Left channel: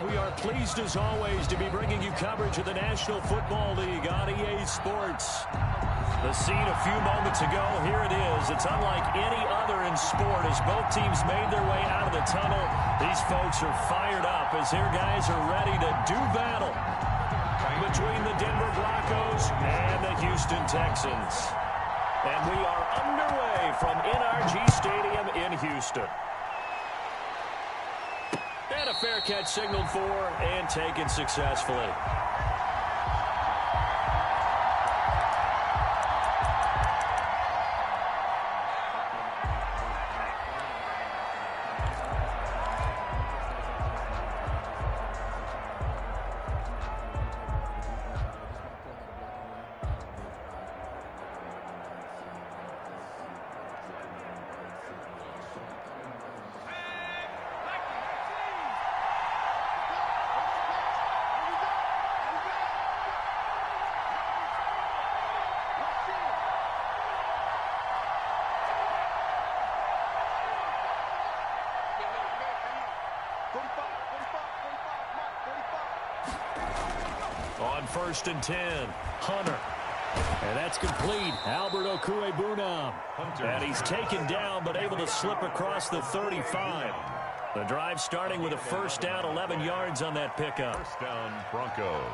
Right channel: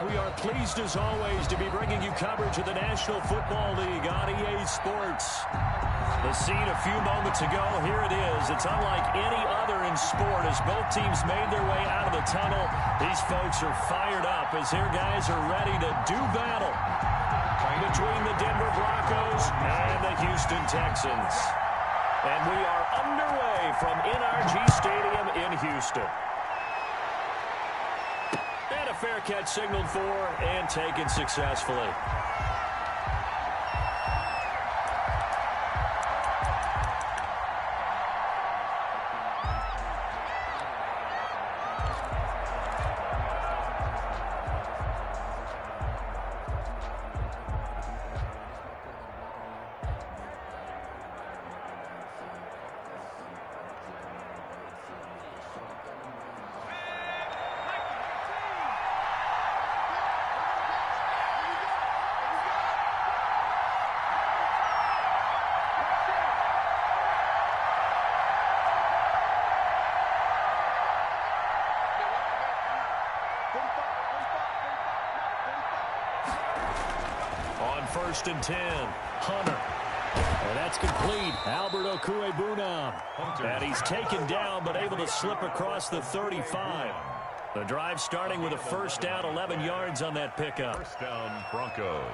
We are pleased as always to be bringing you coverage of the National Football League on EA Sports. The scene a few moments ago, here it is. It's unlike any other in sport as both teams made their way out of the tunnel. These folks are fired up as their guys are ready to do battle between the Denver Broncos and the Houston Texans. And we are underway from NRG Stadium in Houston. And a fair catch signaled for and taken successfully. On 1st and 10, Hunter. And that's complete. Albert Okwuegbunam. And he's taken down but able to slip across the 35. The drive starting with a first down, 11 yards on that pickup. First down, Broncos.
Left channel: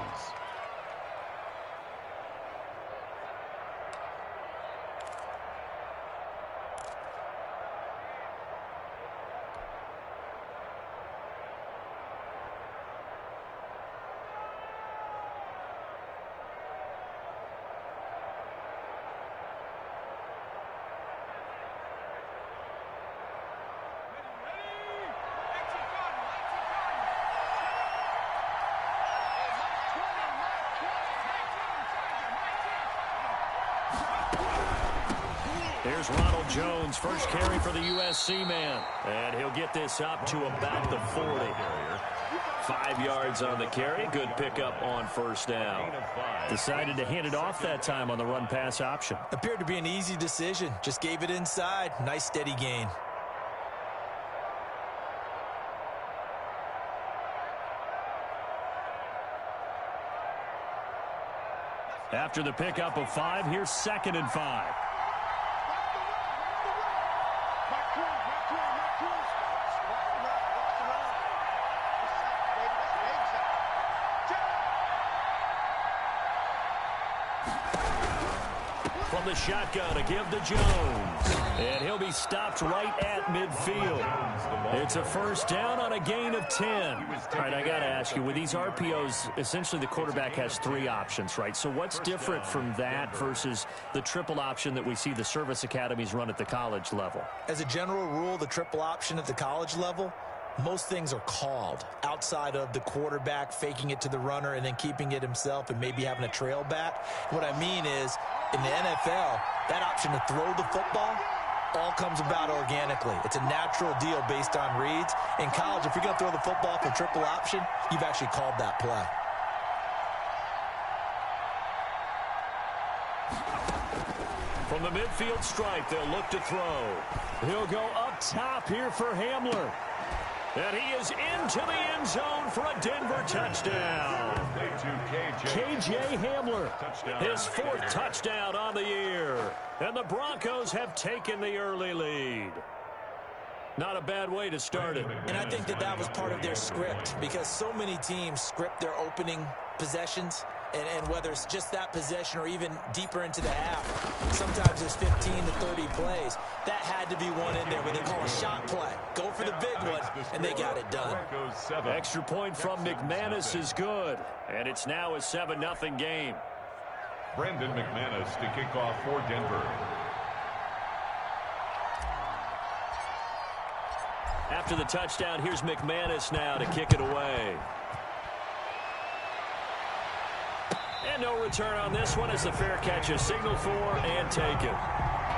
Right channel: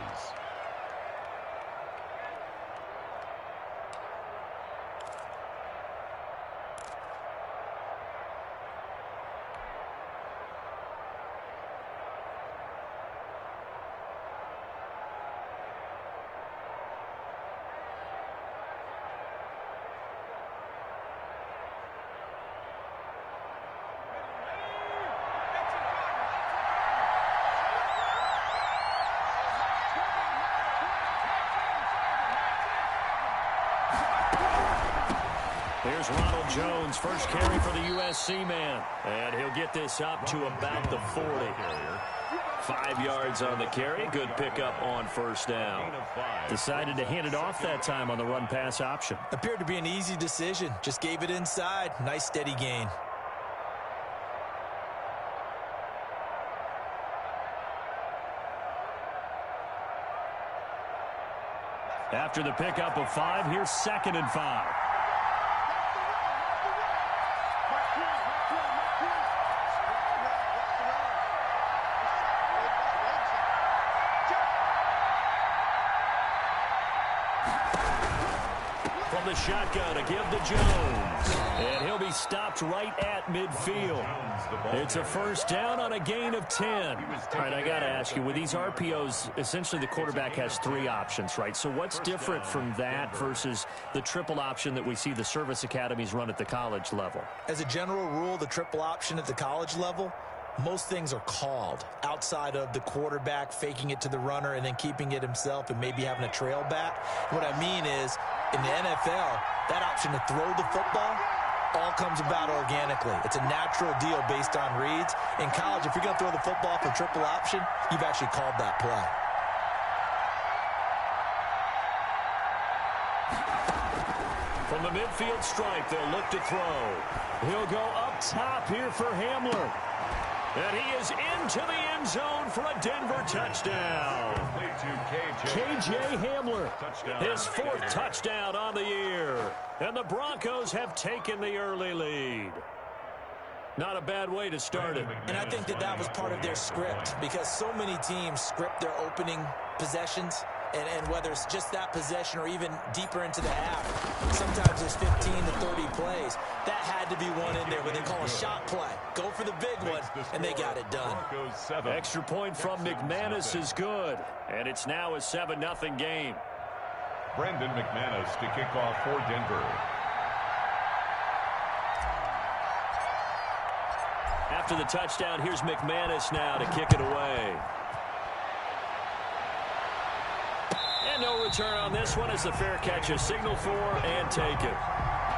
Here's Ronald Jones, first carry for the USC man. And he'll get this up to about the 40. 5 yards on the carry. Good pickup on first down. Decided to hand it off that time on the run-pass option. Appeared to be an easy decision. Just gave it inside. Nice steady gain. After the pickup of 5, here's 2nd and 5. From the shotgun to give to Jones. And he'll be stopped right at midfield. It's a first down on a gain of 10. All right, I got to ask you, with these RPOs, essentially the quarterback has 3 options, right? So what's different from that versus the triple option that we see the service academies run at the college level? As a general rule, the triple option at the college level, most things are called outside of the quarterback faking it to the runner and then keeping it himself and maybe having a trail back. What I mean is, in the NFL, that option to throw the football all comes about organically. It's a natural deal based on reads. In college, if you're going to throw the football for triple option, you've actually called that play. From the midfield stripe, they'll look to throw. He'll go up top here for Hamler. And he is into the end zone for a Denver touchdown. KJ Hamler, his 4th touchdown on the year. And the Broncos have taken the early lead. Not a bad way to start it. And I think that was part of their script, because so many teams script their opening possessions. And whether it's just that possession or even deeper into the half, sometimes there's 15 to 30 plays. That had to be one in there where they call a shot play. Go for the big one, and they got it done. Extra point from McManus is good. And it's now a 7-0 game. Brendan McManus to kick off for Denver. After the touchdown, here's McManus now to kick it away. And no return on this one as the fair catch is signaled for and taken.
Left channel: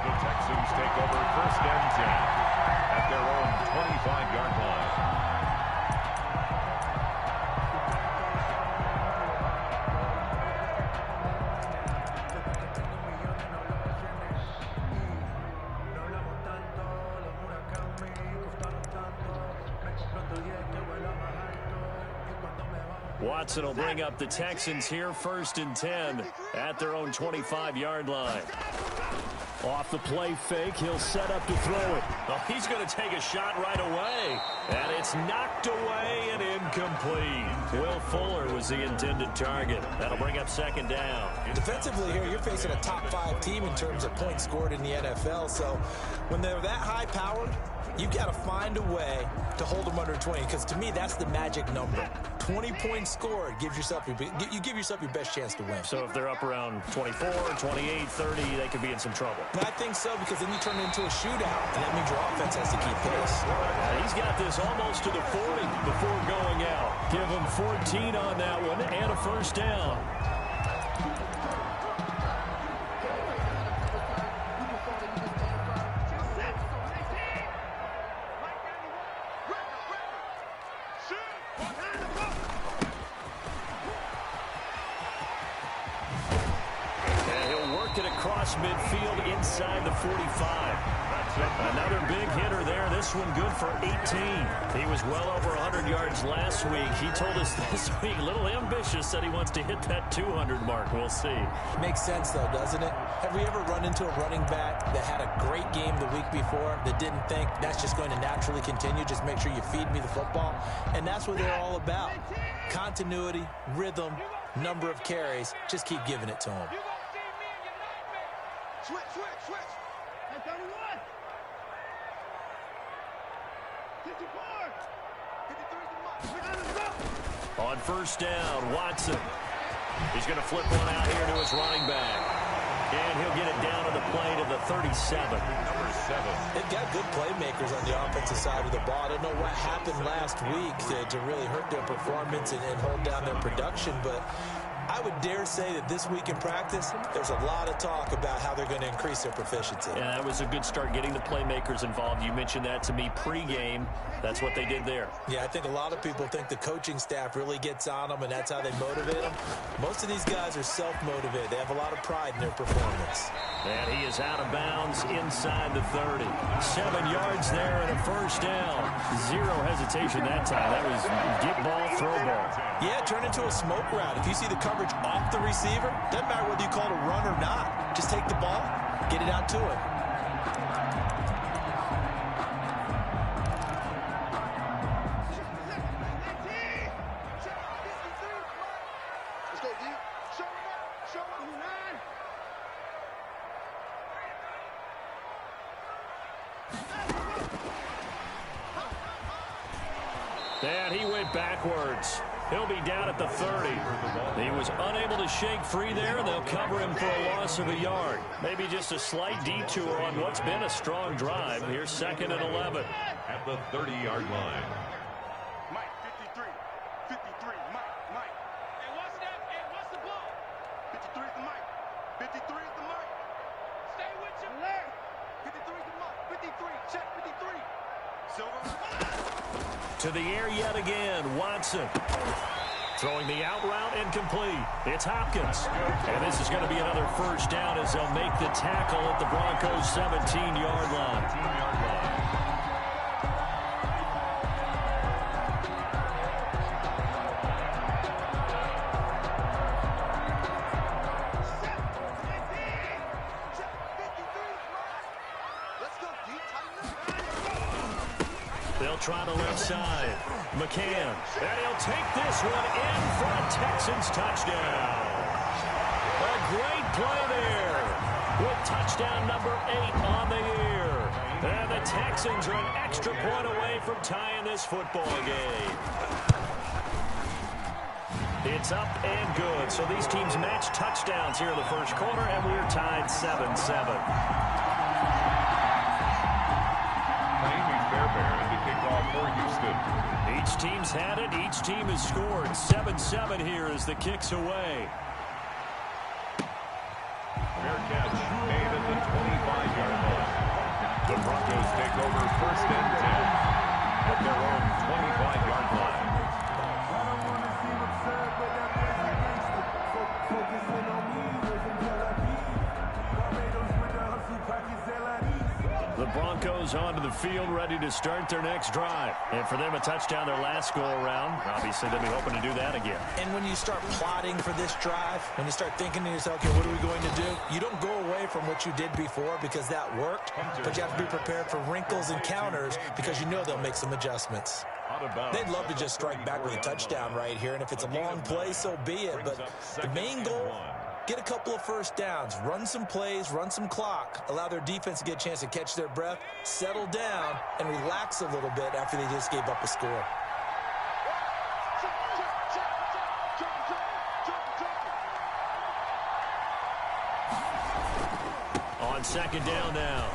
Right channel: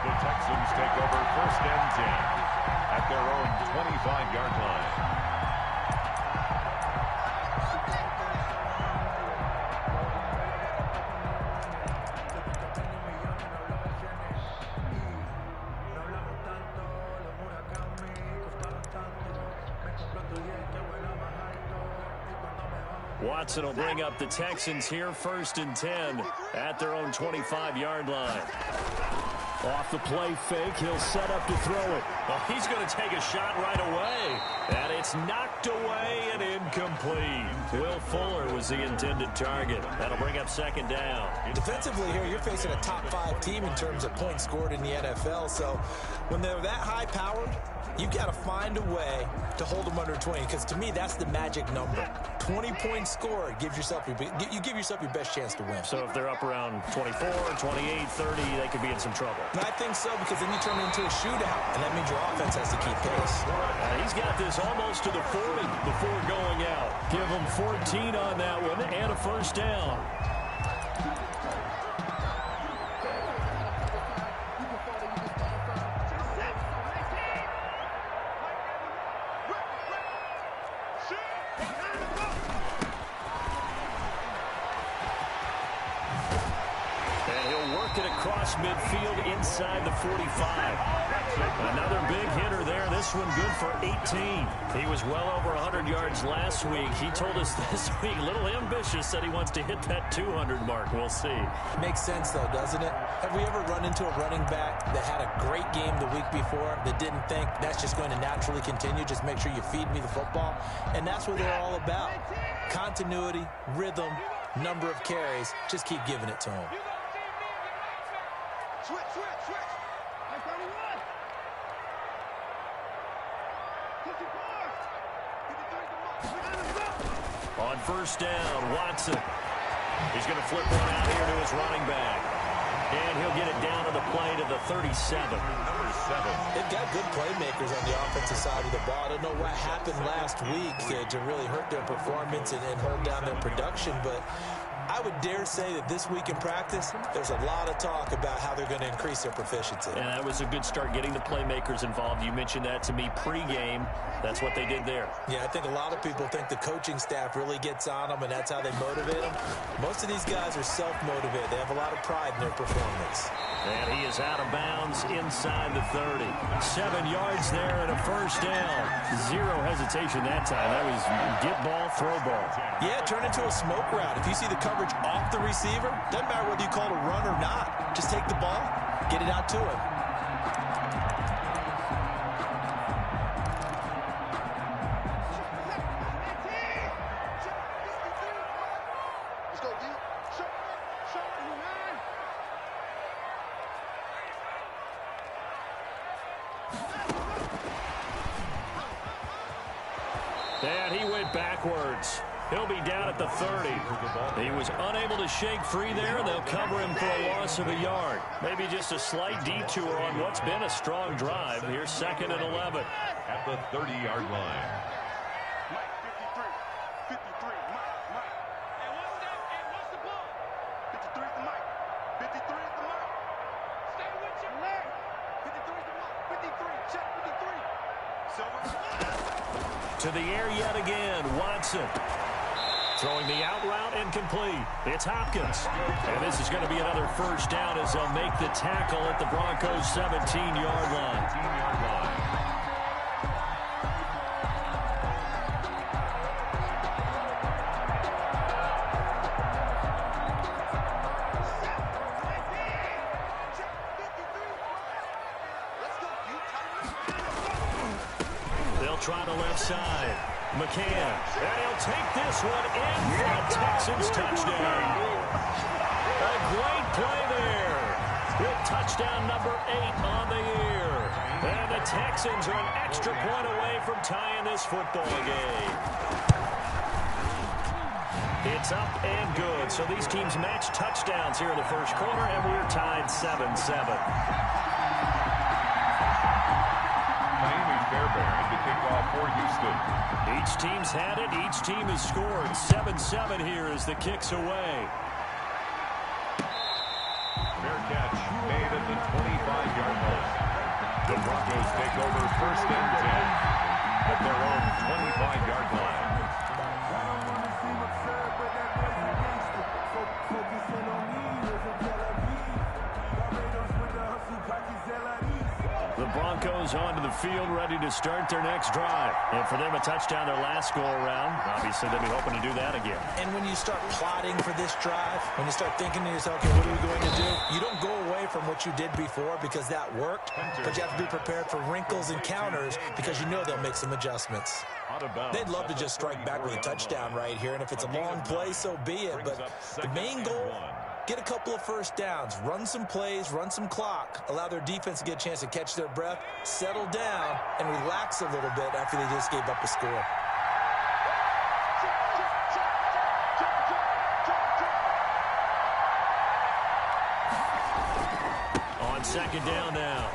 The Texans take over 1st and 10 at their own 25-yard line. Watson will bring up the Texans here, 1st and 10 at their own 25-yard line. Off the play fake, he'll set up to throw it. Oh, he's going to take a shot right away. And it's knocked away and incomplete. Will Fuller was the intended target. That'll bring up 2nd down. Defensively here, you're facing a top-5 team in terms of points scored in the NFL. So when they're that high-powered, you've got to find a way to hold them under 20, because to me, that's the magic number. 20 points scored, you give yourself your best chance to win. So if they're up around 24, 28, 30, they could be in some trouble. And I think so, because then you turn it into a shootout, and that means your offense has to keep pace. He's got this almost to the 40 before going out. Give him 14 on that one and a 1st down. Across midfield inside the 45. Another big hitter there. This one good for 18. He was well over 100 yards last week. He told us this week, a little ambitious, said he wants to hit that 200 mark. We'll see. Makes sense, though, doesn't it? Have we ever run into a running back that had a great game the week before that didn't think that's just going to naturally continue? Just make sure you feed me the football. And that's what they're all about. Continuity, rhythm, number of carries. Just keep giving it to them. Switch. 31. 54. On 1st down, Watson. He's going to flip one out here to his running back. And he'll get it down to the play to the 37. Number 7. They've got good playmakers on the offensive side of the ball. I don't know what happened last week to really hurt their performance and hold down their production, but I would dare say that this week in practice, there's a lot of talk about how they're going to increase their proficiency. And that was a good start, getting the playmakers involved. You mentioned that to me pregame. That's what they did there. Yeah, I think a lot of people think the coaching staff really gets on them, and that's how they motivate them. Most of these guys are self-motivated. They have a lot of pride in their performance. And he is out of bounds inside the 30. 7 yards there and a 1st down. Zero hesitation that time. That was get ball, throw ball. Yeah, turn into a smoke route. If you see the coverage off the receiver, doesn't matter whether you call it a run or not. Just take the ball, get it out to him. Let's go, D. Show it, who nine. And he went backwards. He'll be down at the 30. He was unable to shake free there, and they'll cover him for a loss of a yard. Maybe just a slight detour on what's been a strong drive. Here's 2nd and 11. At the 30-yard line. Mike, 53, Mike. Hey, what's the ball? 53 is the Mike. 53 is the Mike. Stay with your leg. 53 is the Mike. 53, check 53. Silver. To the air yet again, Watson. Throwing the out route incomplete. It's Hopkins. And this is going to be another 1st down as they'll make the tackle at the Broncos' 17-yard line. 17-yard line. They'll try the left side. McCann. And he'll take this one in for a Texans touchdown. A great play there with touchdown number 8 on the year. And the Texans are an extra point away from tying this football game. It's up and good. So these teams match touchdowns here in the first quarter, and we're tied 7-7. Fairbairn to kick off for Houston. Each team's had it. Each team has scored. 7-7 here as the kick's away. Fair catch made at the 25-yard line. The Broncos take over 1st and 10 at their own 25-yard line. I don't want to seem absurd, but that was a gangster. Focusing on me was in Tel Aviv. Barbados with the hustle pockets, LREs. The Broncos onto the field, ready to start their next drive. And for them, a touchdown their last go-around. Obviously, they'll be hoping to do that again. And when you start plotting for this drive, when you start thinking to yourself, okay, what are we going to do? You don't go away from what you did before because that worked, but you have to be prepared for wrinkles and counters because you know they'll make some adjustments. They'd love to just strike back with a touchdown right here, and if it's a long play, so be it. But the main goal, get a couple of first downs, run some plays, run some clock, allow their defense to get a chance to catch their breath, settle down, and relax a little bit after they just gave up a score. On second down now,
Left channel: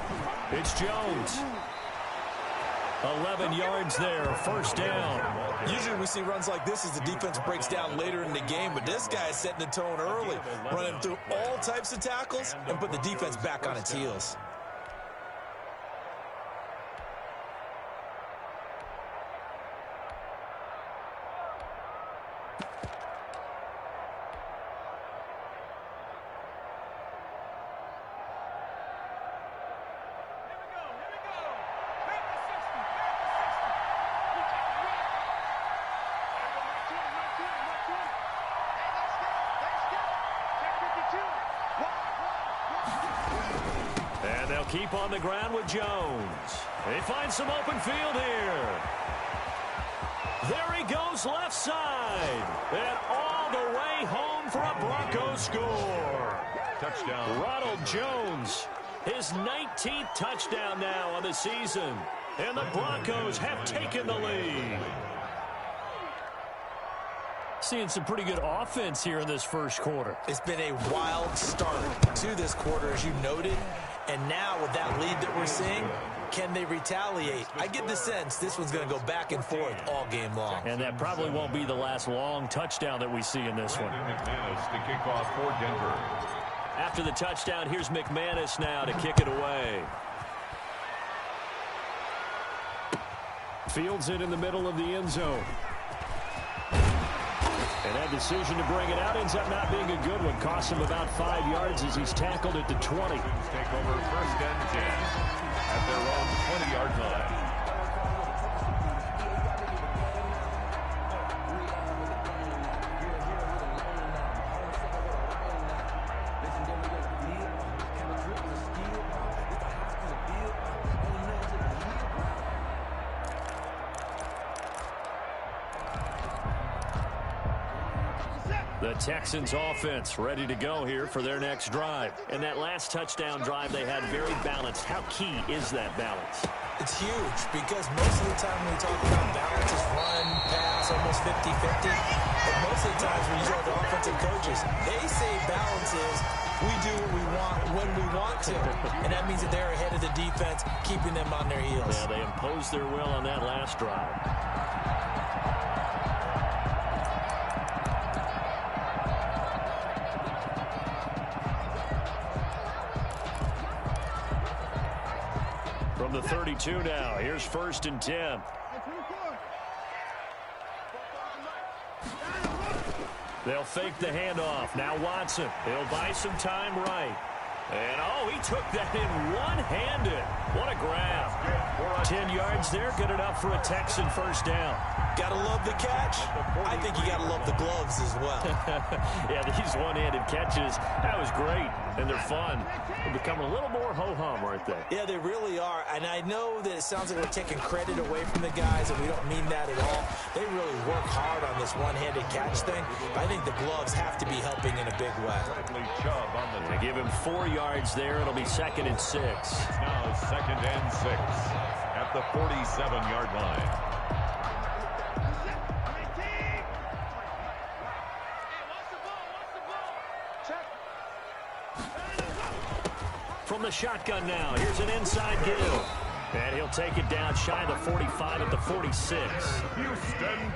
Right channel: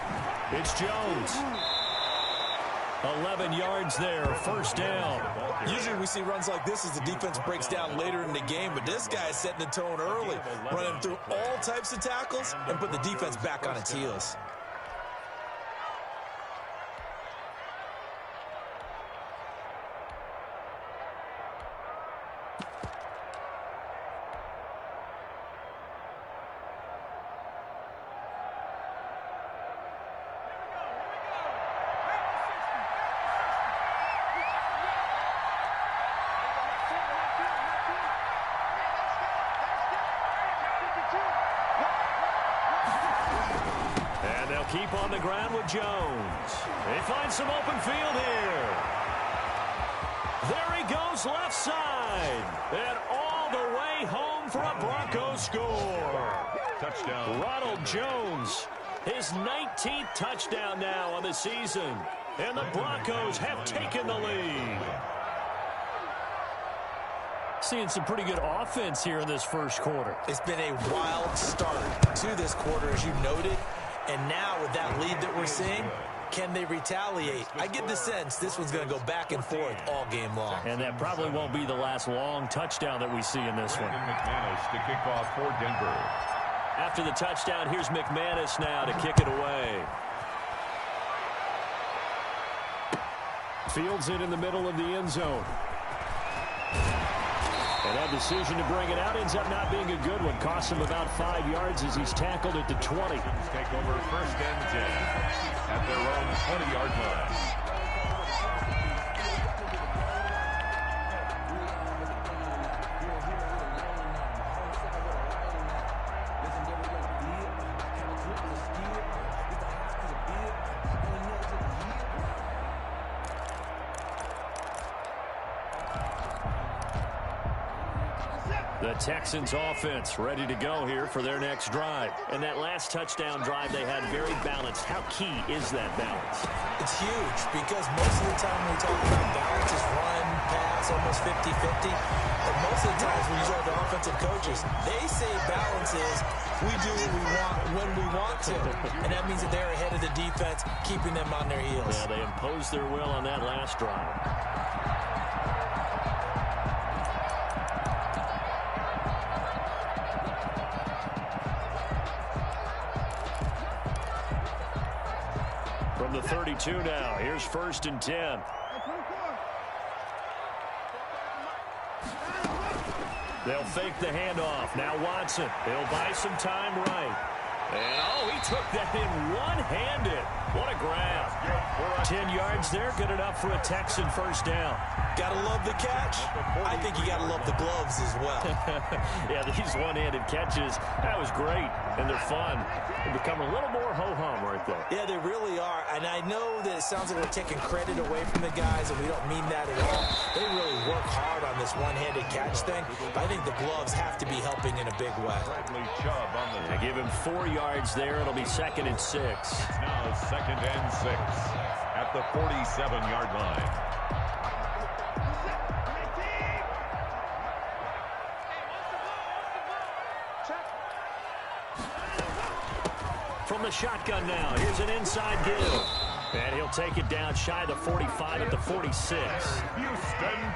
it's Jones. 11 yards there, first down. Usually we see runs like this as the defense breaks down later in the game, but this guy is setting the tone early, running through all types of tackles and put the defense back on its heels. And they'll keep on the ground with Jones. They find some open field here. There he goes left side. And all the way home for a Broncos score. Touchdown. Ronald Jones, his 19th touchdown now on the season. And the Broncos have taken the lead. Seeing some pretty good offense here in this first quarter. It's been a wild start to this quarter, as you noted. And now with that lead that we're seeing, can they retaliate? I get the sense this one's going to go back and forth all game long. And that probably won't be the last long touchdown that we see in this one. McManus to kick off for Denver. After the touchdown, here's McManus now to kick it away. Fields it in the middle of the end zone. And that decision to bring it out ends up not being a good one. Costs him about 5 yards as he's tackled at the 20. Take over first and 10 at their own 20-yard line. The Texans offense ready to go here for their next drive. And that last touchdown drive they had very balanced. How key is that balance? It's huge because most of the time when we talk about balance is run, pass, almost 50-50. But most of the times when you talk to offensive coaches, they say balance is we do what we want when we want to. And that means that they're ahead of the defense, keeping them on their heels. Yeah, they imposed their will on that last drive. From the 32 now, here's first and 10. They'll fake the handoff. Now Watson. He'll buy some time right. And, oh, he took that in one-handed. What a grab. 10 yards there, good enough for a Texan first down. Gotta love the catch. I think you gotta love the gloves as well. Yeah, these one-handed catches, that was great, and they're fun. They're becoming a little more ho-hum, aren't they? Yeah, they really are, and I know that it sounds like we're taking credit away from the guys, and we don't mean that at all. They really work hard on this one-handed catch thing, but I think the gloves have to be helping in a big way. They give him 4 yards there. It'll be second and 6. It's now second and 6 at the 47-yard line. From the shotgun now, here's an inside give. And he'll take it down shy of the 45 at the 46.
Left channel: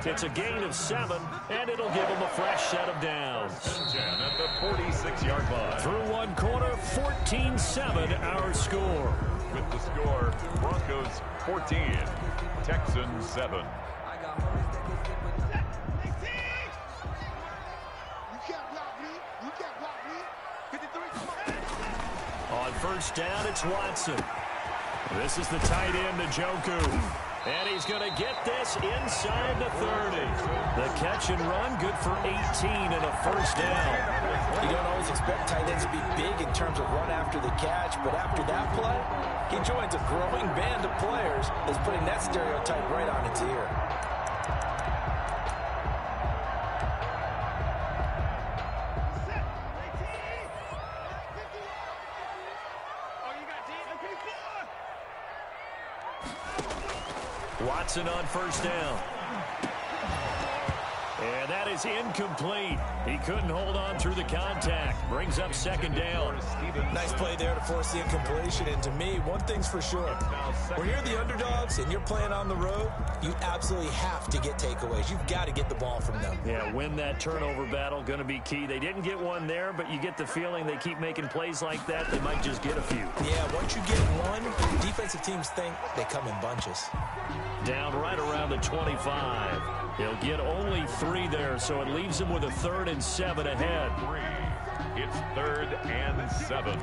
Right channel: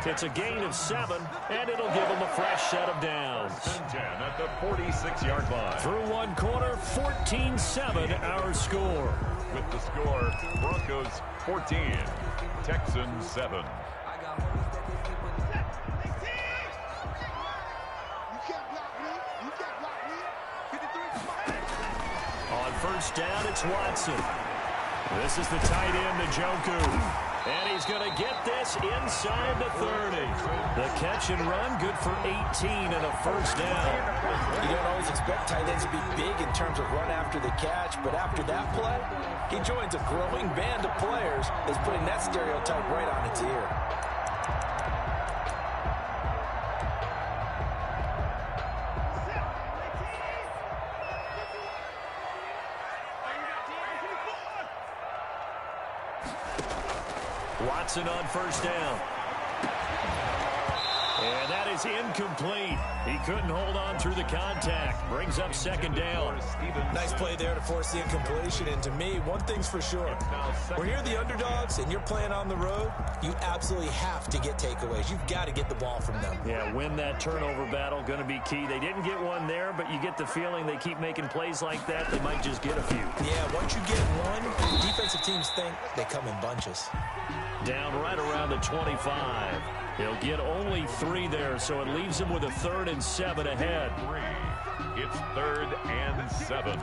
It's a gain of 7, and it'll give him a fresh set of downs. 10 at the 46-yard line. Through one quarter, 14-7 our score. With the score, Broncos 14, Texans 7. On first down, it's Watson. This is the tight end to Gywu. And he's going to get this inside the 30. The catch and run, good for 18 and a first down. You don't always expect tight ends to be big in terms of run after the catch, but after that play, he joins a growing band of players that's putting that stereotype right on its ear. Watson on first down. And that is incomplete. He couldn't hold on through the contact. Brings up second down. Nice play there to force the incompletion. And to me, one thing's for sure. When you're the underdogs and you're playing on the road, you absolutely have to get takeaways. You've got to get the ball from them. Yeah, win that turnover battle, going to be key. They didn't get one there, but you get the feeling they keep making plays like that, they might just get a few. Yeah, once you get one, defensive teams think they come in bunches. Down right around the 25. He'll get only 3 there, so it leaves him with a 3rd and 7 ahead. It's 3rd and 7.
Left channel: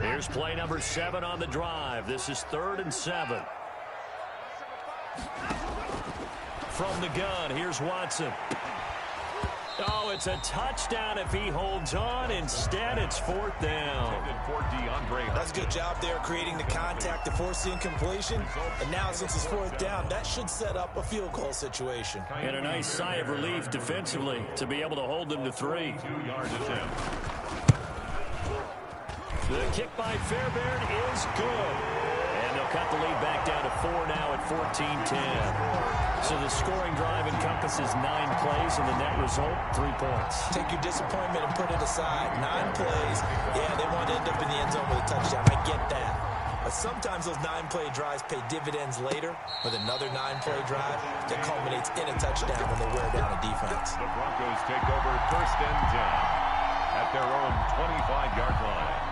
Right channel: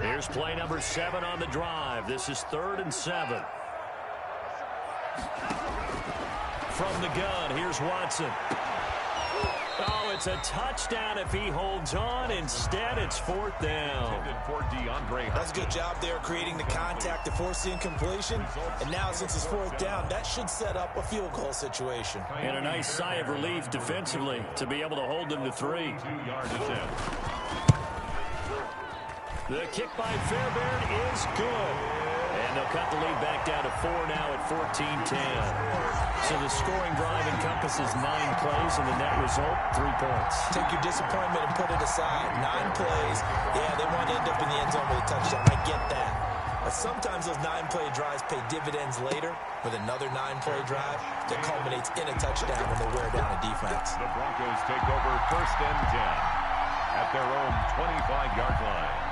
Here's play number 7 on the drive. This is 3rd and 7. From the gun, here's Watson. Oh, it's a touchdown if he holds on. Instead, it's 4th down. That's a good job there creating the contact to force the incompletion. And now since it's 4th down, that should set up a field goal situation. And a nice sigh of relief defensively to be able to hold them to 3. 2-yard attempt. The kick by Fairbairn is good. And they'll cut the lead back down to 4 now at 14-10. So the scoring drive encompasses 9 plays, and the net result, 3 points. Take your disappointment and put it aside. 9 plays. Yeah, they want to end up in the end zone with a touchdown. I get that. But sometimes those 9-play drives pay dividends later with another 9-play drive that culminates in a touchdown when they wear down a defense. The Broncos take over 1st and 10 at their own 25-yard line.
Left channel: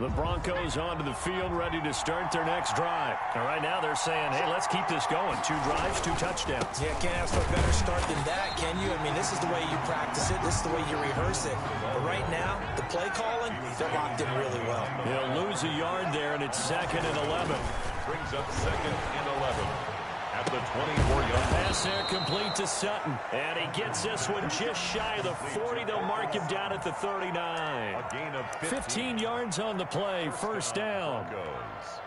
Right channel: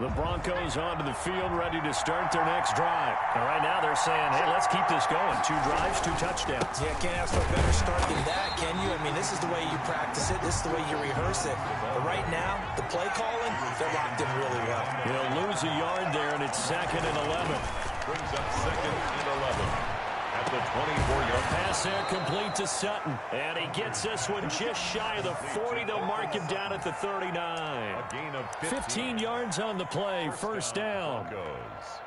The Broncos onto the field, ready to start their next drive. And right now they're saying, hey, let's keep this going. 2 drives, 2 touchdowns. Yeah, can't ask for a better start than that, can you? I mean, this is the way you practice it. This is the way you rehearse it. But right now, the play calling, they're locked in really well. He'll lose a yard there, and it's 2nd and 11. Brings up 2nd and 11. At the 24-yard pass there complete to Sutton. And he gets this one just shy of the 40. They'll mark him down at the 39. A gain of 15 yards on the play. First down. Broncos.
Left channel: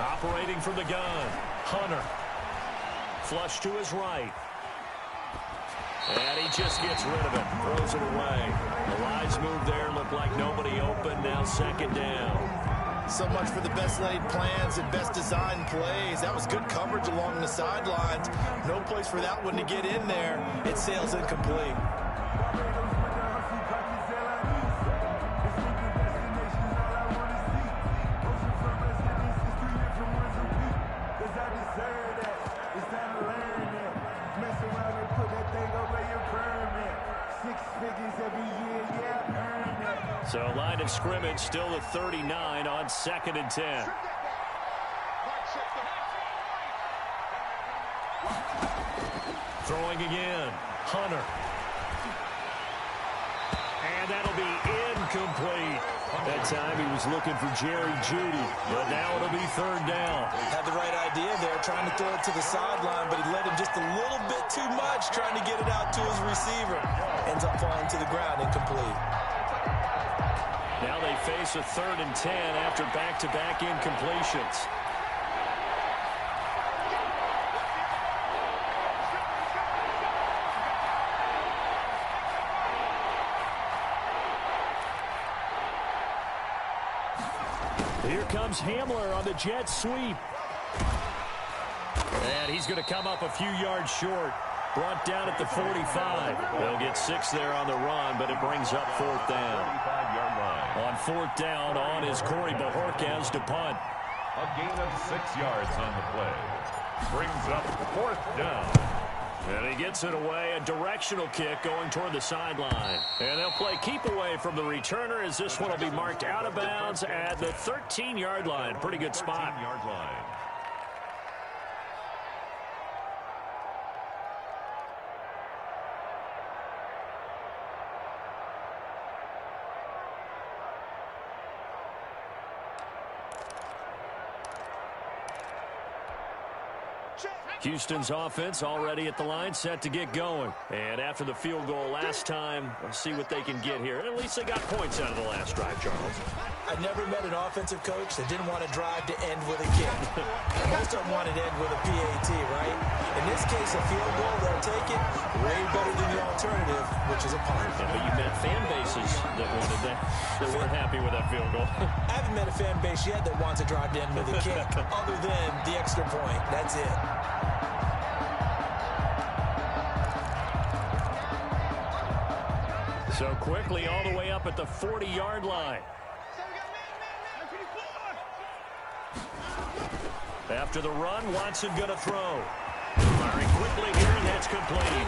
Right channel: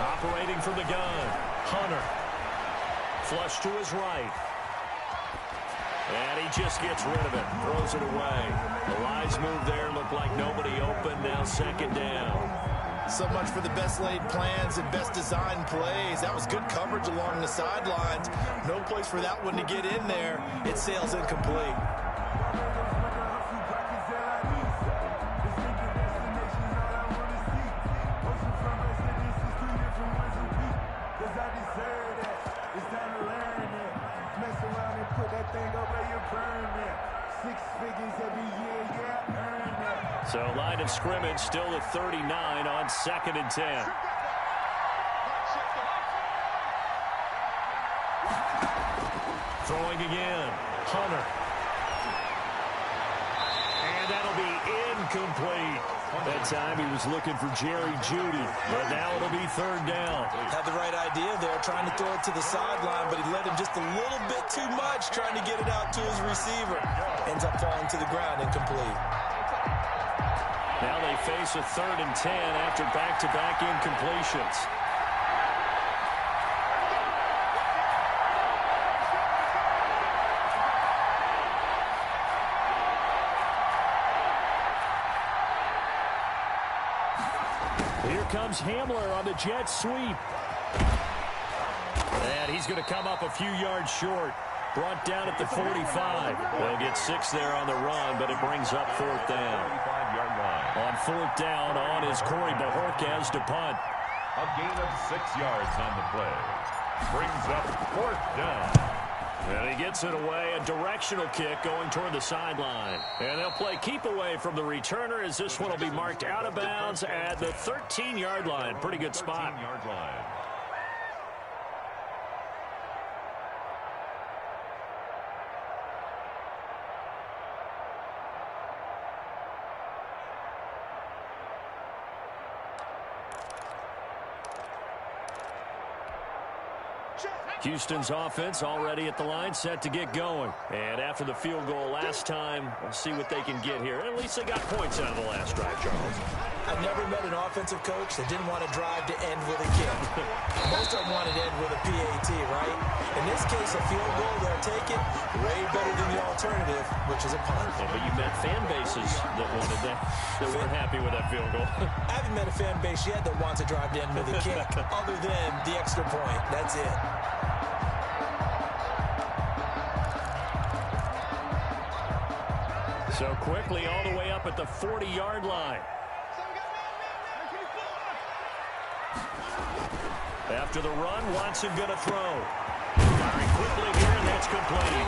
Operating from the gun, Hunter. Flush to his right. And he just gets rid of it, throws it away. The lines move there, looked like nobody open, now 2nd down. So much for the best laid plans and best designed plays. That was good coverage along the sidelines. No place for that one to get in there. It sails incomplete. So line of scrimmage still the 39 on 2nd and 10. Throwing again, Hunter. And that'll be incomplete. That time he was looking for Jerry Jeudy, but now it'll be 3rd down. Had the right idea there, trying to throw it to the sideline, but he let him just a little bit too much, trying to get it out to his receiver. Ends up falling to the ground, incomplete. Now they face a 3rd and 10 after back-to-back incompletions. Here comes Hamler on the jet sweep. And he's going to come up a few yards short. Brought down at the 45. They'll get 6 there on the run, but it brings up 4th down. 35-yard line. On 4th down, on is Corey Bajorquez to punt. A gain of 6 yards on the play. Brings up 4th down. And he gets it away, a directional kick going toward the sideline. And they'll play keep away from the returner as this one will be marked out of bounds at the 13-yard line. Pretty good spot. 13-yard line. Houston's offense already at the line, set to get going. And after the field goal last time, we'll see what they can get here. At least they got points out of the last drive, Charles. I never met an offensive coach that didn't want to drive to end with a kick. Most of them wanted to end with a PAT, right? In this case, a field goal, they'll take it way better than the alternative, which is a punt. Yeah, but you met fan bases that wanted that weren't happy with that field goal. I haven't met a fan base yet that wants to drive to end with a kick, other than the extra point. That's it. So quickly all the way up at the 40-yard line. After the run, Watson going to throw. Firing quickly here, and that's complete.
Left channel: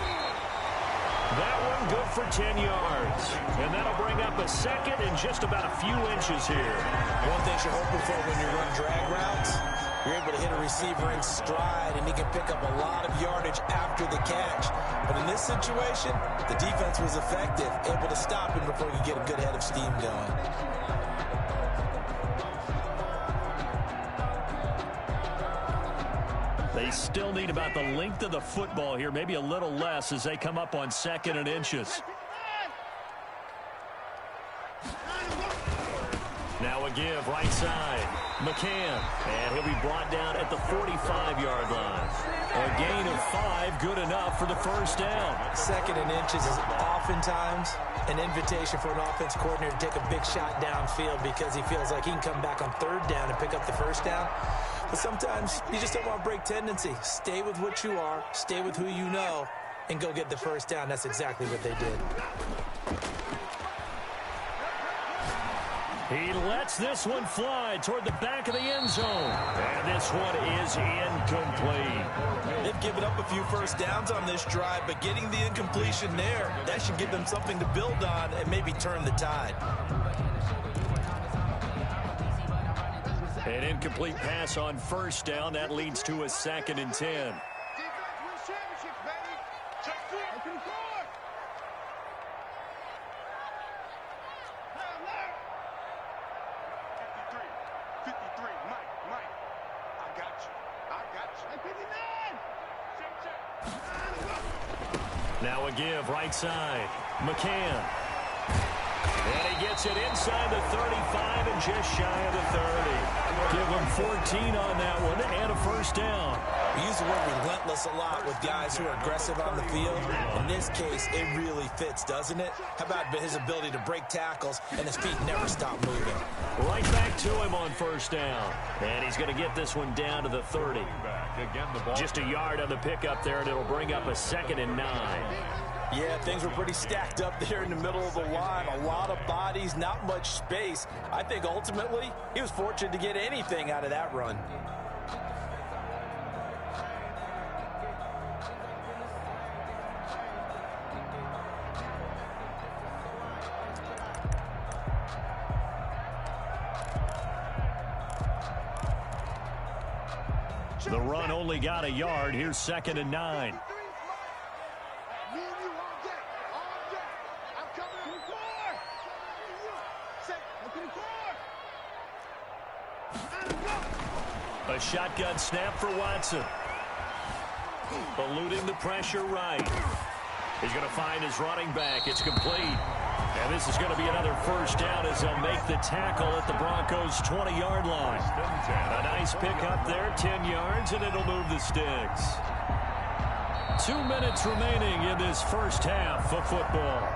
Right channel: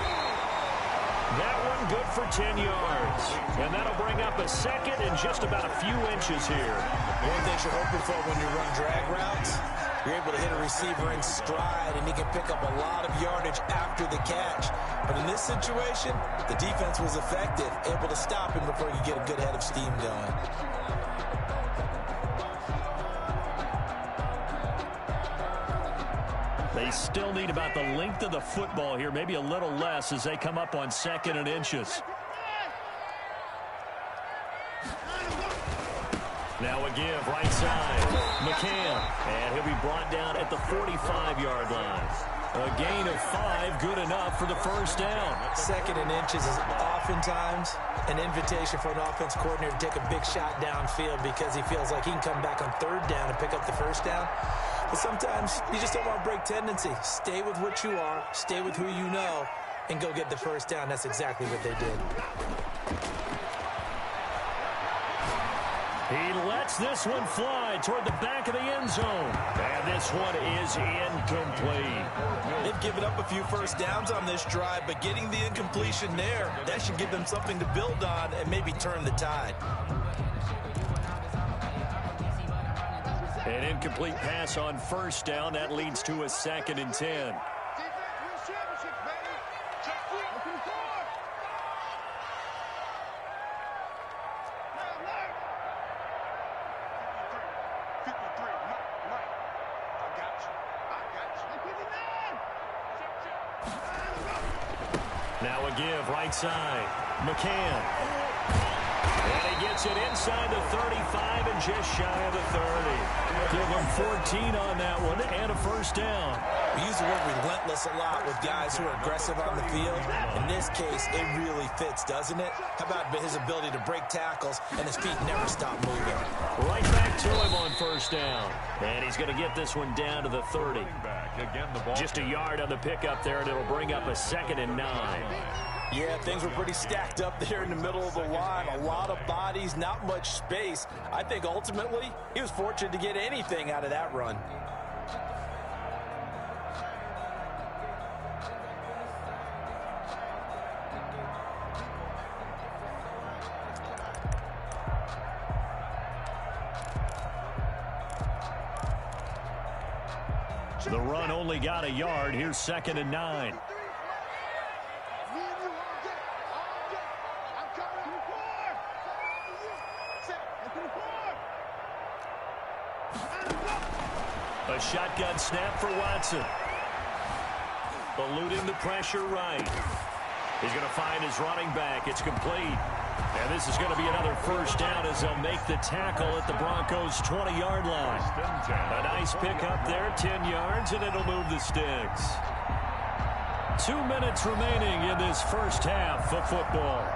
That one good for 10 yards. And that'll bring up a 2nd and just about a few inches here. One thing you're hoping for when you run drag routes, you're able to hit a receiver in stride, and he can pick up a lot of yardage after the catch. But in this situation, the defense was effective, able to stop him before you get a good head of steam going. They still need about the length of the football here, maybe a little less as they come up on 2nd and inches. Now a give, right side. McCann, and he'll be brought down at the 45-yard line. A gain of 5, good enough for the 1st down. 2nd and inches is oftentimes an invitation for an offense coordinator to take a big shot downfield because he feels like he can come back on 3rd down and pick up the 1st down. But sometimes you just don't want to break tendency. Stay with what you are, stay with who you know, and go get the 1st down. That's exactly what they did. He lets this one fly toward the back of the end zone. And this one is incomplete. They've given up a few 1st downs on this drive, but getting the incompletion there, that should give them something to build on and maybe turn the tide. An incomplete pass on 1st down. That leads to a 2nd and 10. Now a give, right side. McCann. And he gets it inside the 35 and just shy of the 30. Give him 14 on that one and a 1st down. We use the word relentless a lot with guys who are aggressive on the field. In this case, it really fits, doesn't it? How about his ability to break tackles and his feet never stop moving? Right back to him on 1st down. And he's going to get this one down to the 30. Just a yard on the pickup there, and it'll bring up a 2nd and 9. Yeah, things were pretty stacked up there in the middle of the line. A lot of bodies, not much space. I think ultimately he was fortunate to get anything out of that run. The run only got a yard. Here's 2nd and 9. A shotgun snap for Watson. Eluding the pressure right. He's going to find his running back. It's complete. And this is going to be another 1st down as they'll make the tackle at the Broncos' 20-yard line. A nice pick up there, 10 yards, and it'll move the sticks. 2 minutes remaining in this 1st half of football.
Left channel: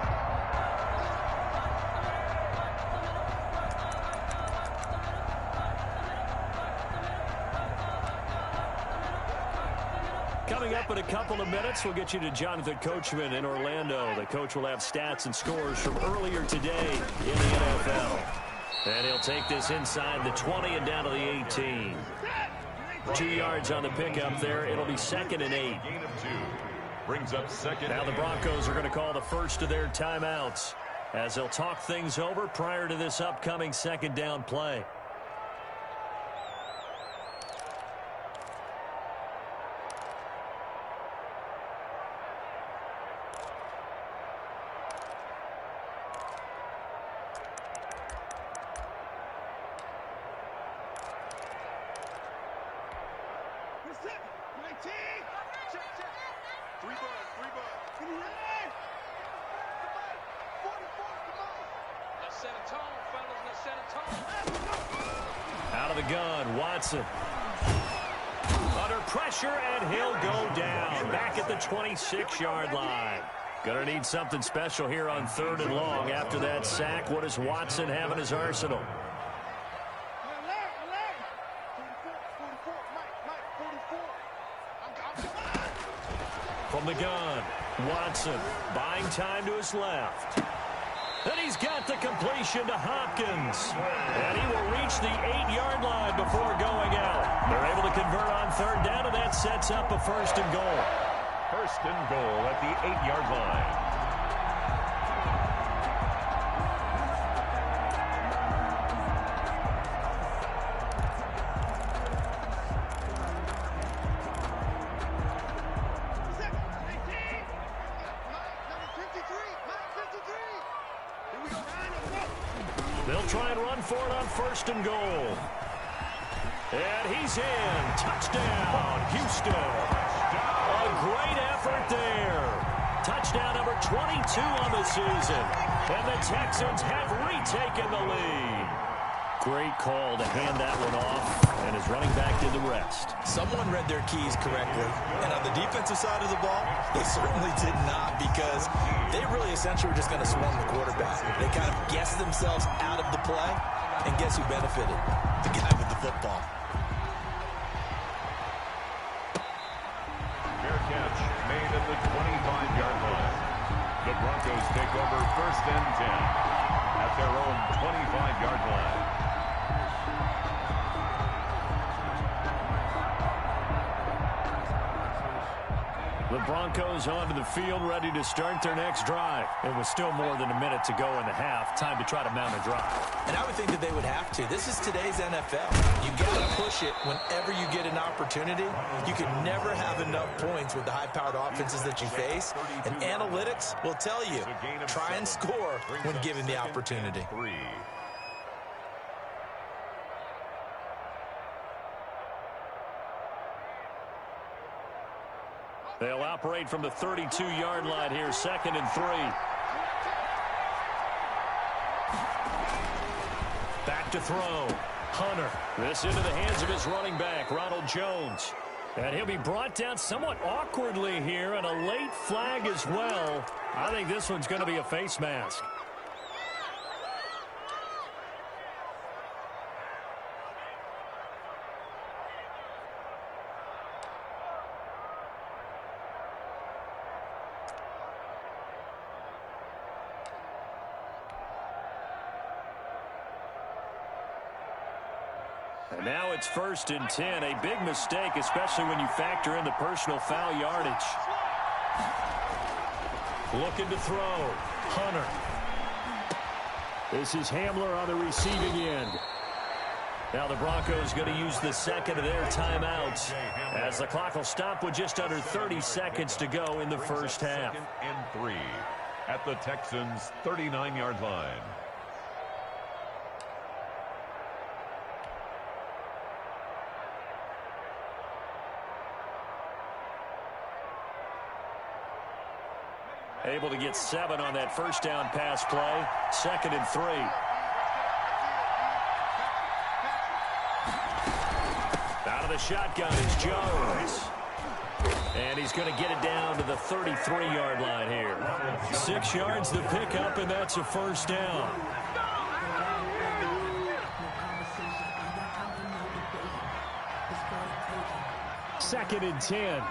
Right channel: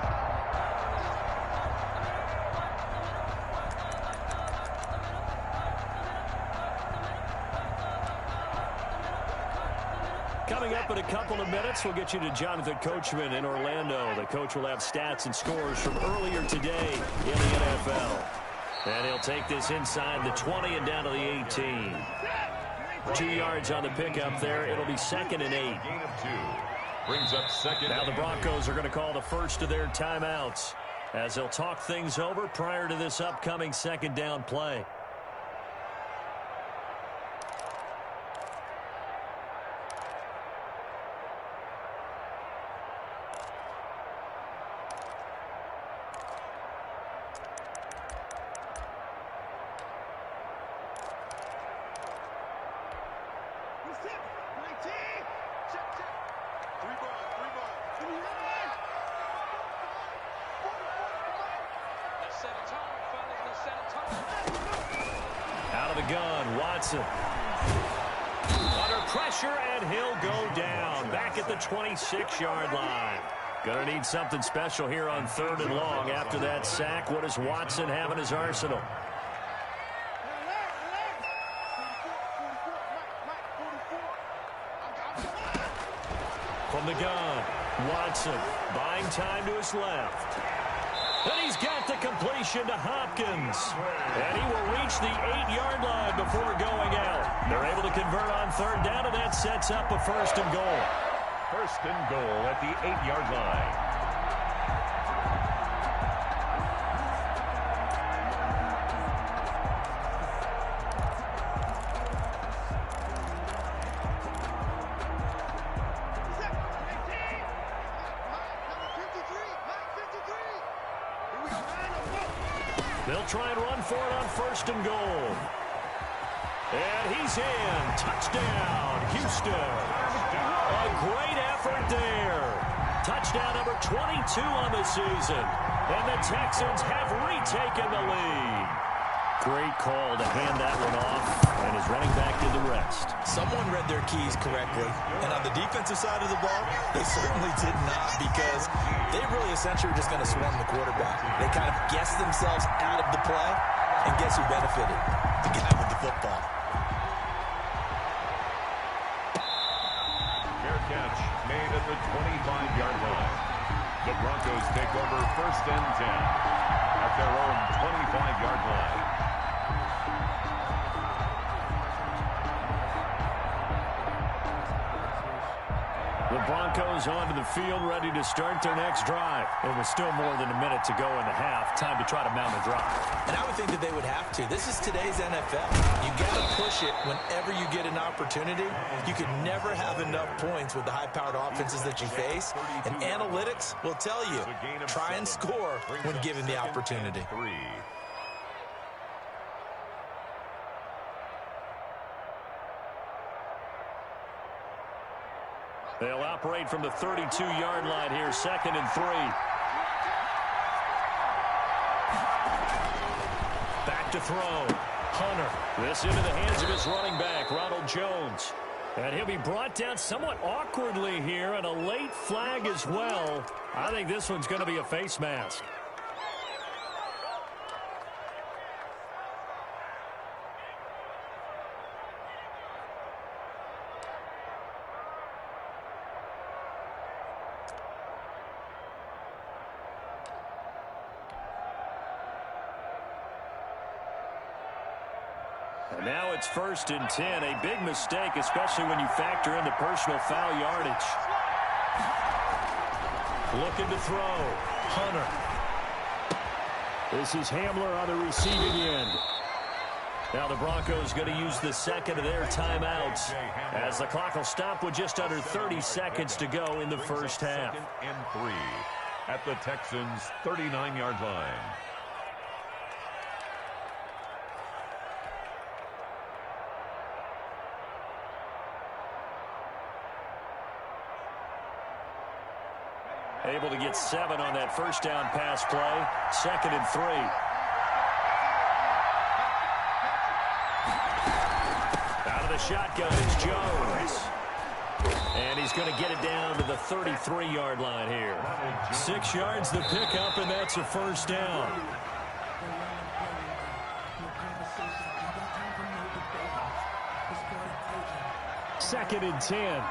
Coming up in a couple of minutes, we'll get you to Jonathan Coachman in Orlando. The coach will have stats and scores from earlier today in the NFL. And he'll take this inside the 20 and down to the 18. 2 yards on the pickup there. It'll be 2nd and 8. Gain of 2. Brings up 2nd. Now the Broncos are going to call the first of their timeouts as they'll talk things over prior to this upcoming 2nd down play. Out of the gun, Watson. Under pressure, and he'll go down. Back at the 26-yard line. Gonna need something special here on 3rd and long after that sack. What does Watson have in his arsenal? From the gun, Watson buying time to his left. And he's got the completion to Hopkins. And he will reach the 8-yard line before going out. They're able to convert on 3rd down, and that sets up a 1st and goal. 1st and goal at the 8-yard line. They'll try and run for it on 1st and goal. And he's in. Touchdown, Houston. A great effort there. Touchdown number 22 on the season. And the Texans have retaken the lead. Great call to hand that one off. And his running back did the rest. Someone read their keys correctly. And on the defensive side of the ball, they certainly did not, because they really essentially were just going to swarm the quarterback. They kind of guessed themselves out of the play, and guess who benefited? The guy with the football. Fair catch made at the 25-yard line. The Broncos take over 1st and 10 at their own 25-yard line. The Broncos onto the field, ready to start their next drive. It was still more than a minute to go in the half. Time to try to mount a drive. And I would think that they would have to. This is today's NFL. You got to push it whenever you get an opportunity. You can never have enough points with the high-powered offenses that you face. And analytics will tell you, try and score when given the opportunity. 3. They'll operate from the 32-yard line here, 2nd and 3. Back to throw. Hunter. This into the hands of his running back, Ronald Jones. And he'll be brought down somewhat awkwardly here, and a late flag as well. I think this one's going to be a face mask. And now it's 1st and 10. A big mistake, especially when you factor in the personal foul yardage. Looking to throw. Hunter. This is Hamler on the receiving end. Now the Broncos going to use the 2nd of their timeouts, as the clock will stop with just under 30 seconds to go in the first half. 2nd and 3 at the Texans' 39-yard line. Able to get 7 on that first down pass play. 2nd and 3. Out of the shotgun is Jones. And he's going to get it down to the 33-yard line here. 6 yards the pickup, and that's a first down. Second and 10.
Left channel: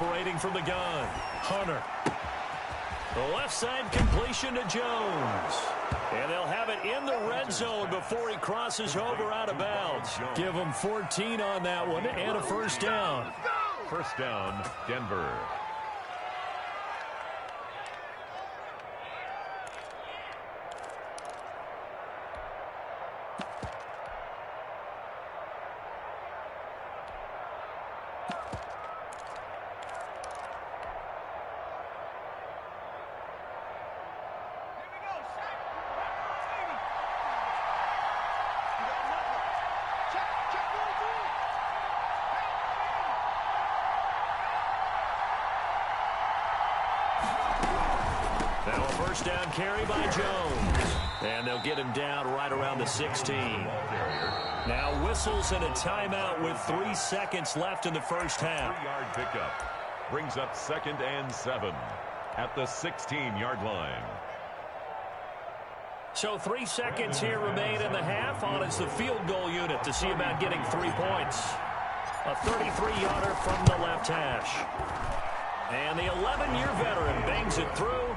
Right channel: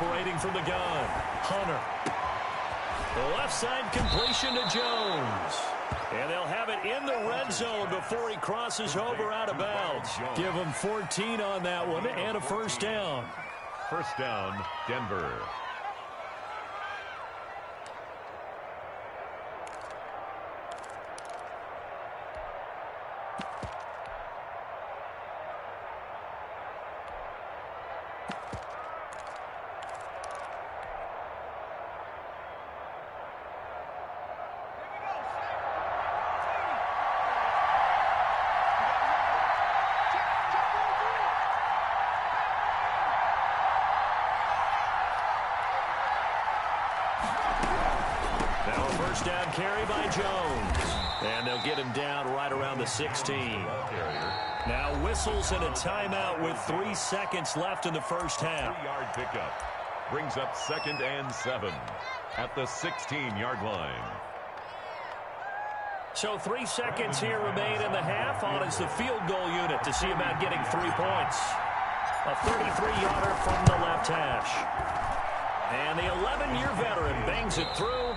Operating from the gun, Hunter. The left side completion to Jones. And they'll have it in the red zone before he crosses over out of bounds. Give him 14 on that one and a first down. First down, Denver. Now a first down carry by Jones. And they'll get him down right around the 16. Now whistles and a timeout with 3 seconds left in the first half. 3-yard pickup. Brings up 2nd and 7 at the 16-yard line. So 3 seconds here remain in the half. On is the field goal unit to see about getting 3 points. A 33-yarder from the left hash. And the 11-year veteran bangs it through.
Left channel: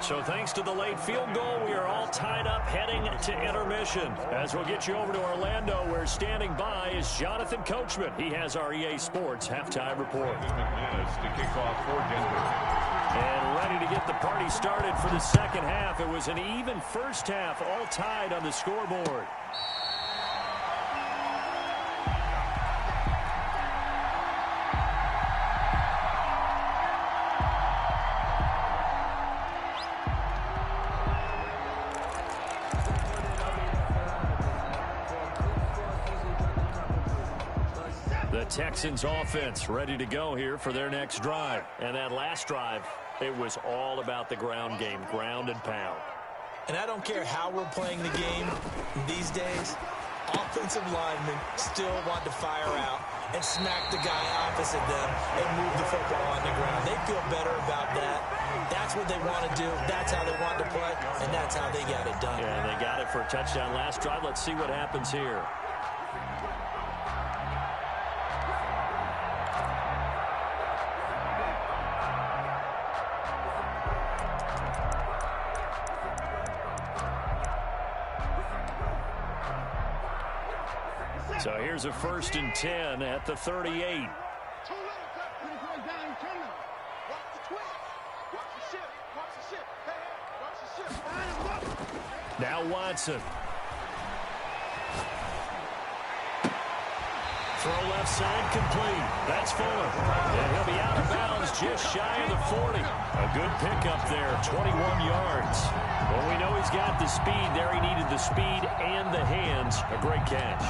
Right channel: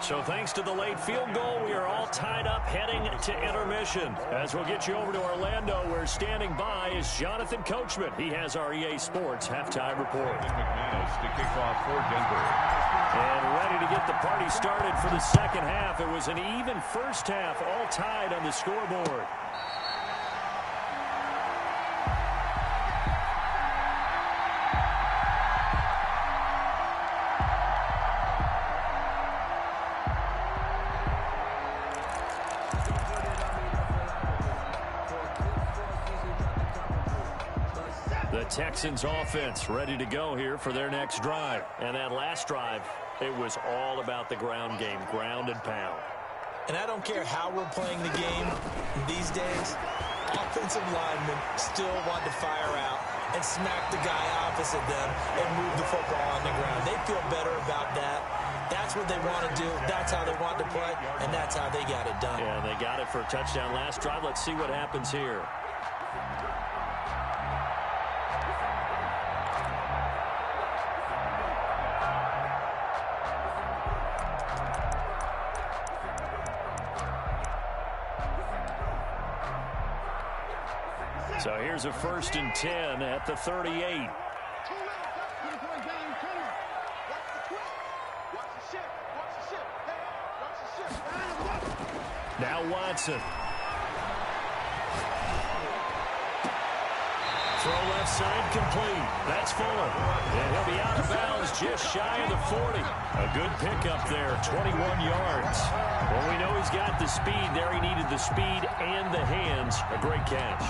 So thanks to the late field goal, we are all tied up heading to intermission. As we'll get you over to Orlando, where standing by is Jonathan Coachman. He has our EA Sports halftime report. McManus to kick off for Denver. And ready to get the party started for the second half. It was an even first half, all tied on the scoreboard. The Texans offense ready to go here for their next drive. And that last drive, it was all about the ground game, ground and pound. And I don't care how we're playing the game these days, offensive linemen still want to fire out and smack the guy opposite them and move the football on the ground. They feel better about that. That's what they want to do. That's how they want to play, and that's how they got it done. Yeah, they got it for a touchdown last drive. Let's see what happens here. So here's a 1st and 10 at the 38. Now Watson. Throw left side complete. That's Fuller. And he'll be out of bounds just shy of the 40. A good pickup there, 21 yards. Well, we know he's got the speed there. He needed the speed and the hands. A great catch.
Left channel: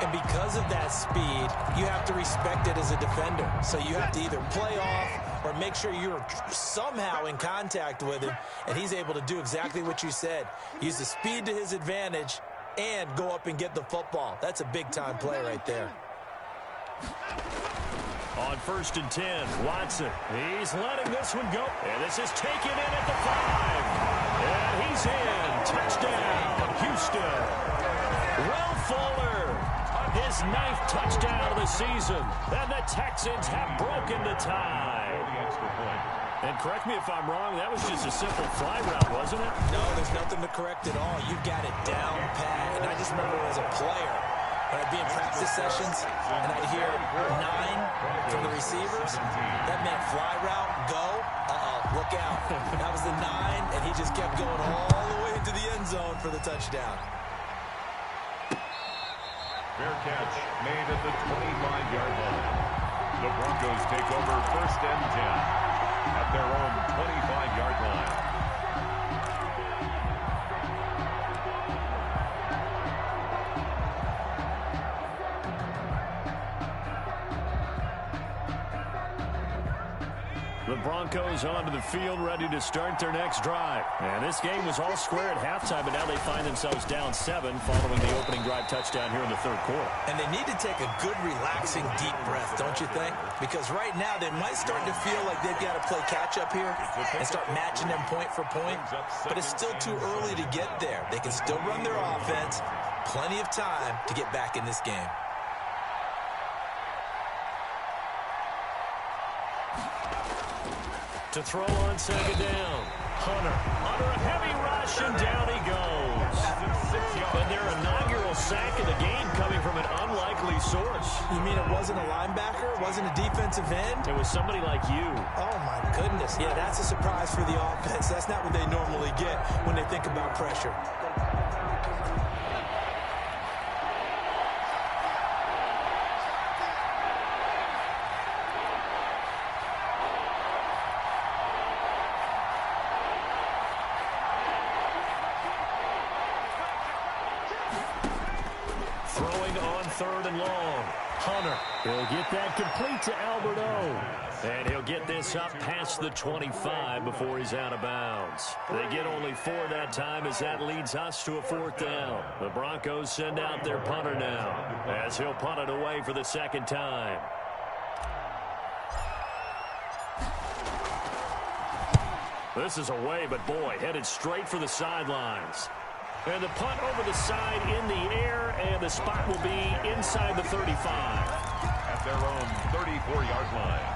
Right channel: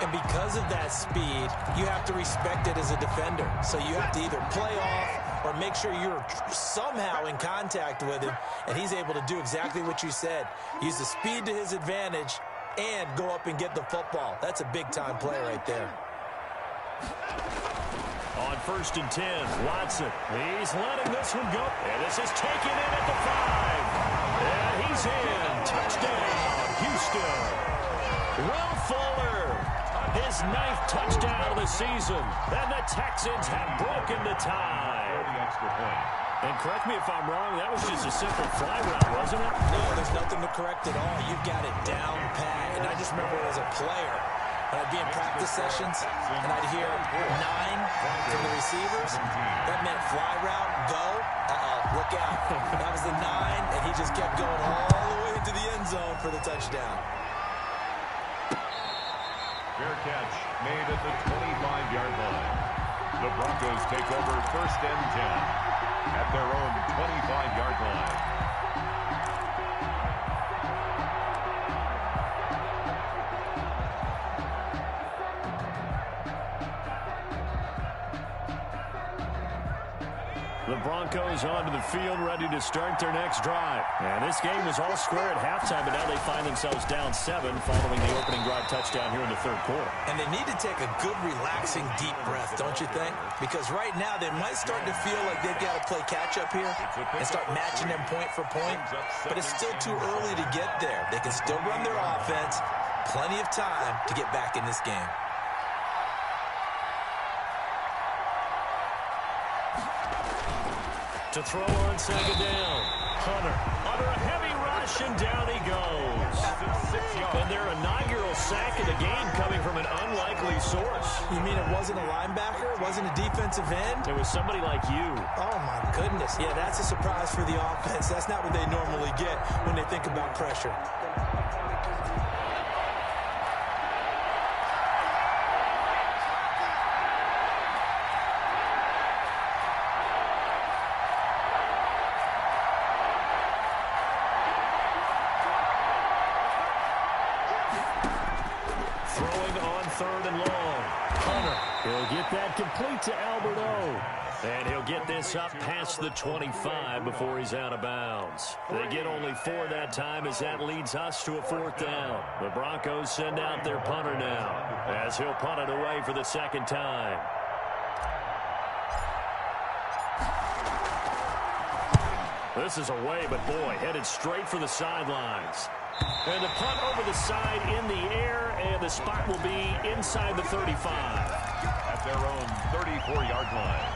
And because of that speed, you have to respect it as a defender. So you have to either play off or make sure you're somehow in contact with him, and he's able to do exactly what you said. Use the speed to his advantage and go up and get the football. That's a big-time play right there. On 1st and 10, Watson. He's letting this one go. And this is taken in at the 5. And he's in. Touchdown, Houston. Will Fuller. His 9th touchdown of the season. And the Texans have broken the tie. The extra point. And correct me if I'm wrong, that was just a simple fly route, wasn't it? No, there's nothing to correct at all. You've got it down pat. And I just remember as a player, when I'd be in practice sessions and I'd hear 9 from the receivers, that meant fly route, go, look out. That was the 9, and he just kept going all the way into the end zone for the touchdown. Fair catch made at the 25-yard line. The Broncos take over 1st and 10 at their own 25-yard line. The Broncos onto the field, ready to start their next drive. And this game was all square at halftime, but now they find themselves down 7 following the opening drive touchdown here in the 3rd quarter. And they need to take a good, relaxing, deep breath, don't you think? Because right now they might start to feel like they've got to play catch-up here and start matching them point for point. But it's still too early to get there. They can still run their offense. Plenty of time to get back in this game. to throw on second down. Hunter under a heavy rush, and down he goes. And their inaugural sack of the game coming from an unlikely source. You mean it wasn't a linebacker? It wasn't a defensive end? It was somebody like you. Oh, my goodness. Yeah, that's a surprise for the offense. That's not what they normally get when they think about pressure. Throwing on third and long. Hunter. He'll get that complete to Alberto. And he'll get this up past the 25 before he's out of bounds. They get only 4 that time as that leads us to a 4th down. The Broncos send out their punter now as he'll punt it away for the second time. This is away, but boy, headed straight for the sidelines. And the punt over the side in the air, and the spot will be inside the 35. At their own 34-yard line.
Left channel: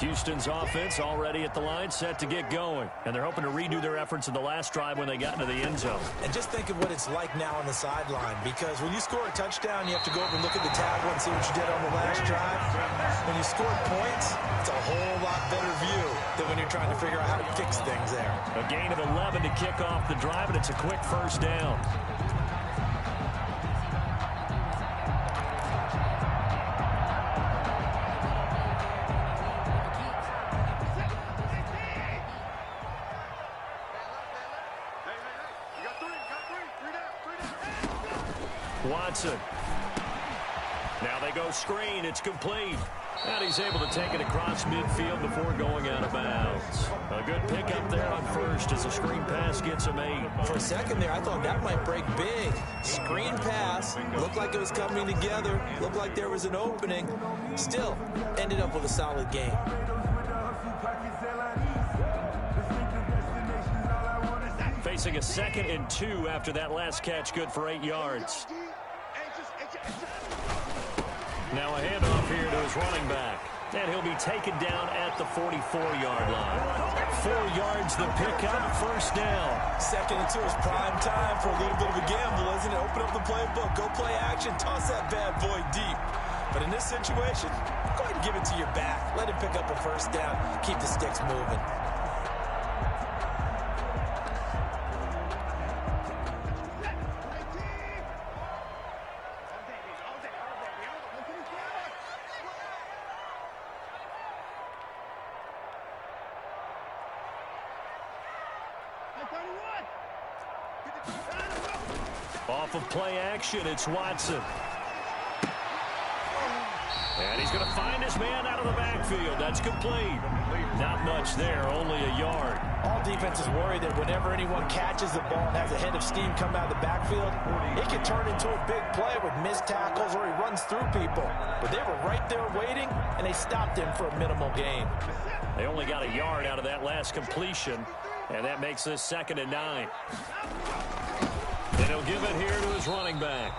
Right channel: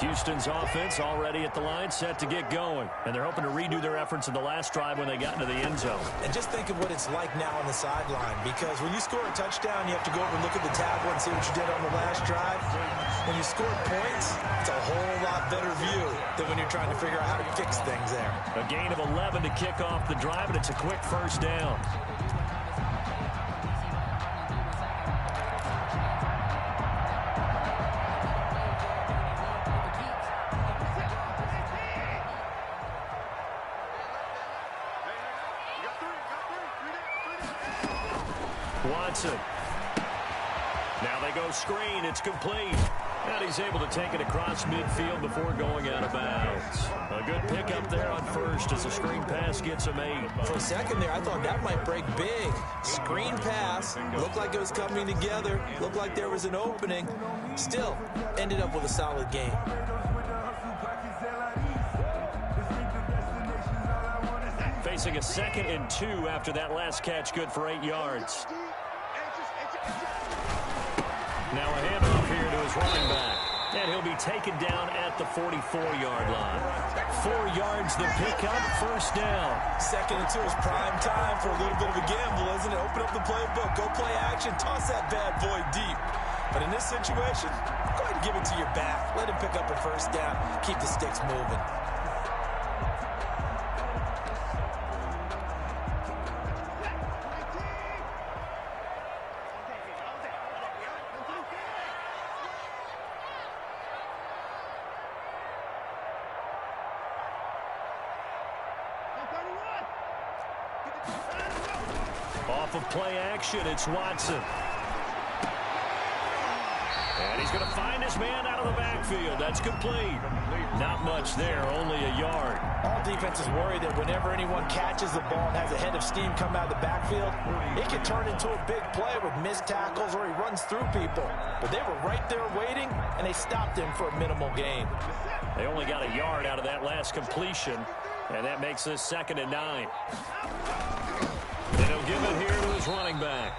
Houston's offense already at the line, set to get going. And they're hoping to redo their efforts in the last drive when they got into the end zone. And just think of what it's like now on the sideline, because when you score a touchdown, you have to go over and look at the tablet and see what you did on the last drive. When you scored points, it's a whole lot better view than when you're trying to figure out how to fix things there. A gain of 11 to kick off the drive, and it's a quick first down. Watson. Now they go screen. It's complete. And he's able to take it across midfield before going out of bounds. A good pickup there on first as the screen pass gets him 8. For a second there, I thought that might break big. Screen pass. Looked like it was coming together. Looked like there was an opening. Still, ended up with a solid game. Facing a 2nd and 2 after that last catch, good for 8 yards. Now a handoff here to his running back. And he'll be taken down at the 44-yard line. 4 yards the pickup, first down. 2nd and 2 is prime time for a little bit of a gamble, isn't it? Open up the playbook, go play action, toss that bad boy deep. But in this situation, go ahead and give it to your back. Let him pick up a first down, keep the sticks moving. Off of play action, it's Watson. And he's going to find his man out of the backfield. That's complete. Not much there, only a yard. All defenses worry that whenever anyone catches the ball and has a head of steam come out of the backfield, it can turn into a big play with missed tackles or he runs through people. But they were right there waiting, and they stopped him for a minimal gain. They only got a yard out of that last completion, and that makes this 2nd and 9. And he'll give it here to his running back.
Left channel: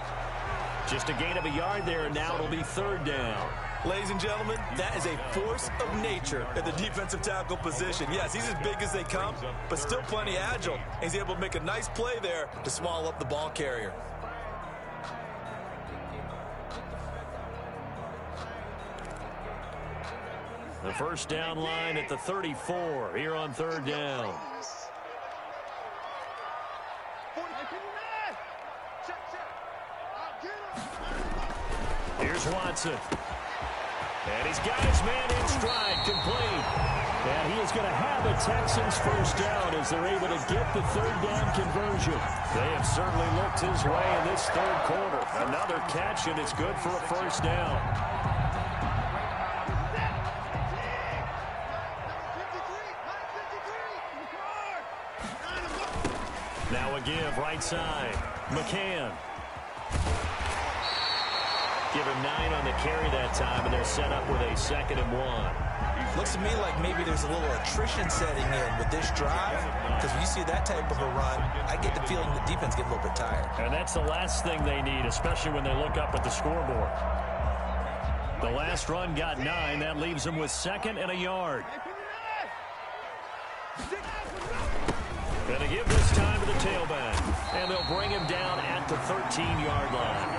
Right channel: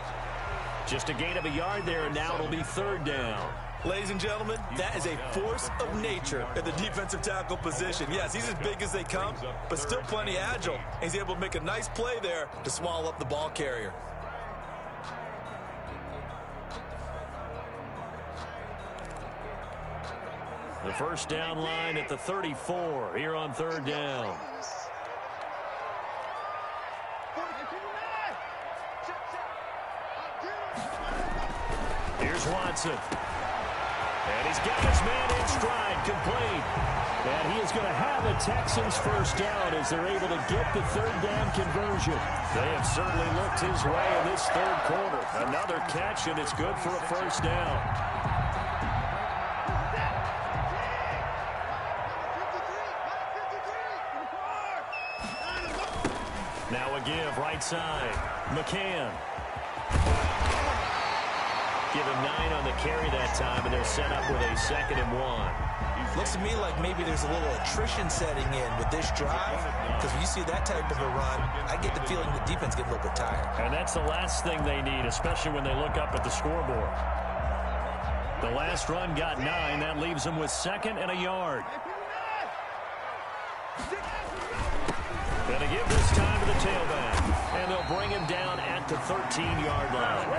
Just a gain of a yard there, and now it'll be 3rd down. Ladies and gentlemen, that is a force of nature at the defensive tackle position. Yes, he's as big as they come, but still plenty agile. He's able to make a nice play there to swallow up the ball carrier. The first down line at the 34 here on 3rd down. Here's Watson. And he's got his man in stride, complete. And he is going to have a Texans first down as they're able to get the 3rd down conversion. They have certainly looked his way in this 3rd quarter. Another catch, and it's good for a first down. Now a give, right side. McCann. Give him 9 on the carry that time, and they're set up with a 2nd and 1. Looks to me like maybe there's a little attrition setting in with this drive, because when you see that type of a run, I get the feeling the defense get a little bit tired. And that's the last thing they need, especially when they look up at the scoreboard. The last run got 9. That leaves them with 2nd and a yard. Going to give this time to the tailback. And they'll bring him down at the 13-yard line.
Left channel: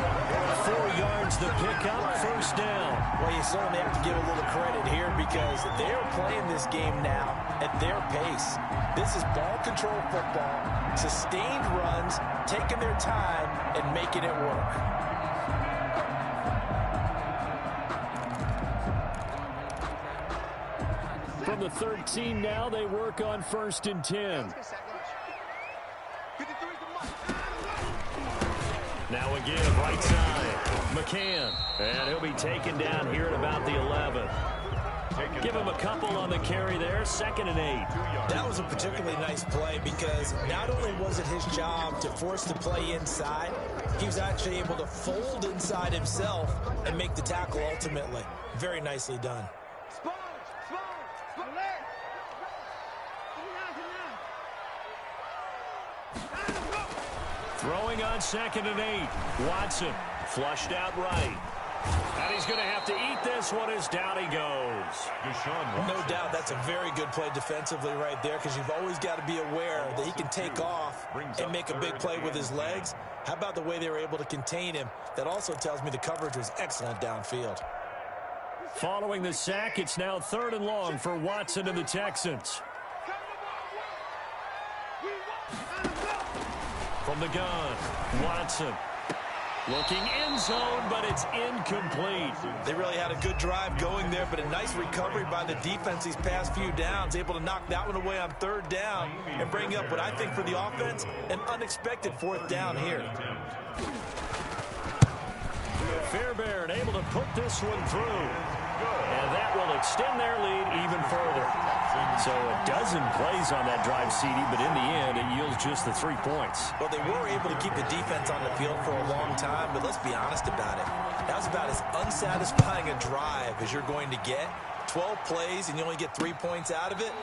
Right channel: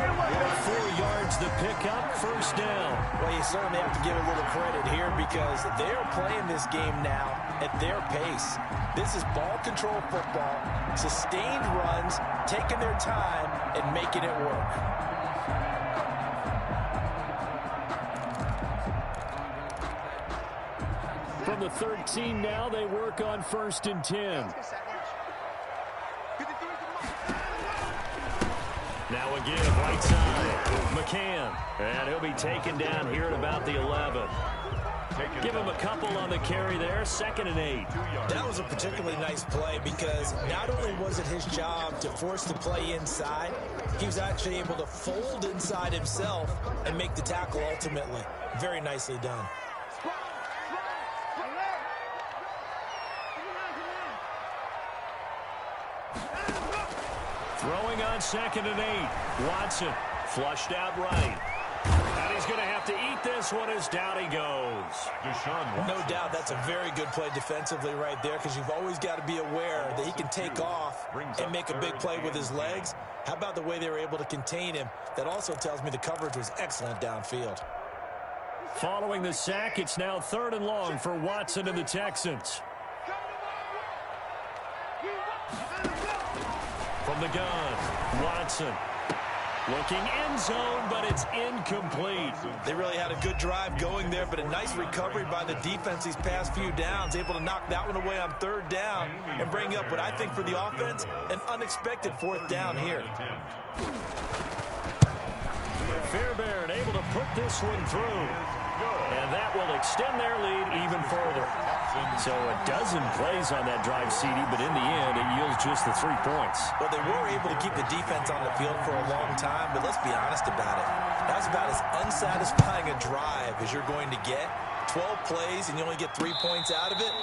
4 yards the pickup, 1st down. Well, you certainly have to give a little credit here because they're playing this game now at their pace. This is ball control football, sustained runs, taking their time, and making it work. From the 13 now, they work on 1st and 10. Now a give, right side. McCann. And he'll be taken down here at about the 11. Give him a couple on the carry there. 2nd and 8. That was a particularly nice play because not only was it his job to force the play inside, he was actually able to fold inside himself and make the tackle ultimately. Very nicely done. Throwing on 2nd and 8. Watson flushed out right. And he's going to have to eat this one as down he goes. No doubt that's a very good play defensively right there because you've always got to be aware that he can take off and make a big play with his legs. How about the way they were able to contain him? That also tells me the coverage was excellent downfield. Following the sack, it's now 3rd and long for Watson and the Texans. From the gun, Watson looking end zone, but it's incomplete. They really had a good drive going there, but a nice recovery by the defense these past few downs, able to knock that one away on 3rd down and bring up what I think for the offense, an unexpected 4th down here. Fairbairn able to put this one through. And that will extend their lead even further. So a dozen plays on that drive, CD, but in the end, it yields just the 3 points. Well, they were able to keep the defense on the field for a long time, but let's be honest about it. That was about as unsatisfying a drive as you're going to get. 12 plays and you only get 3 points out of it.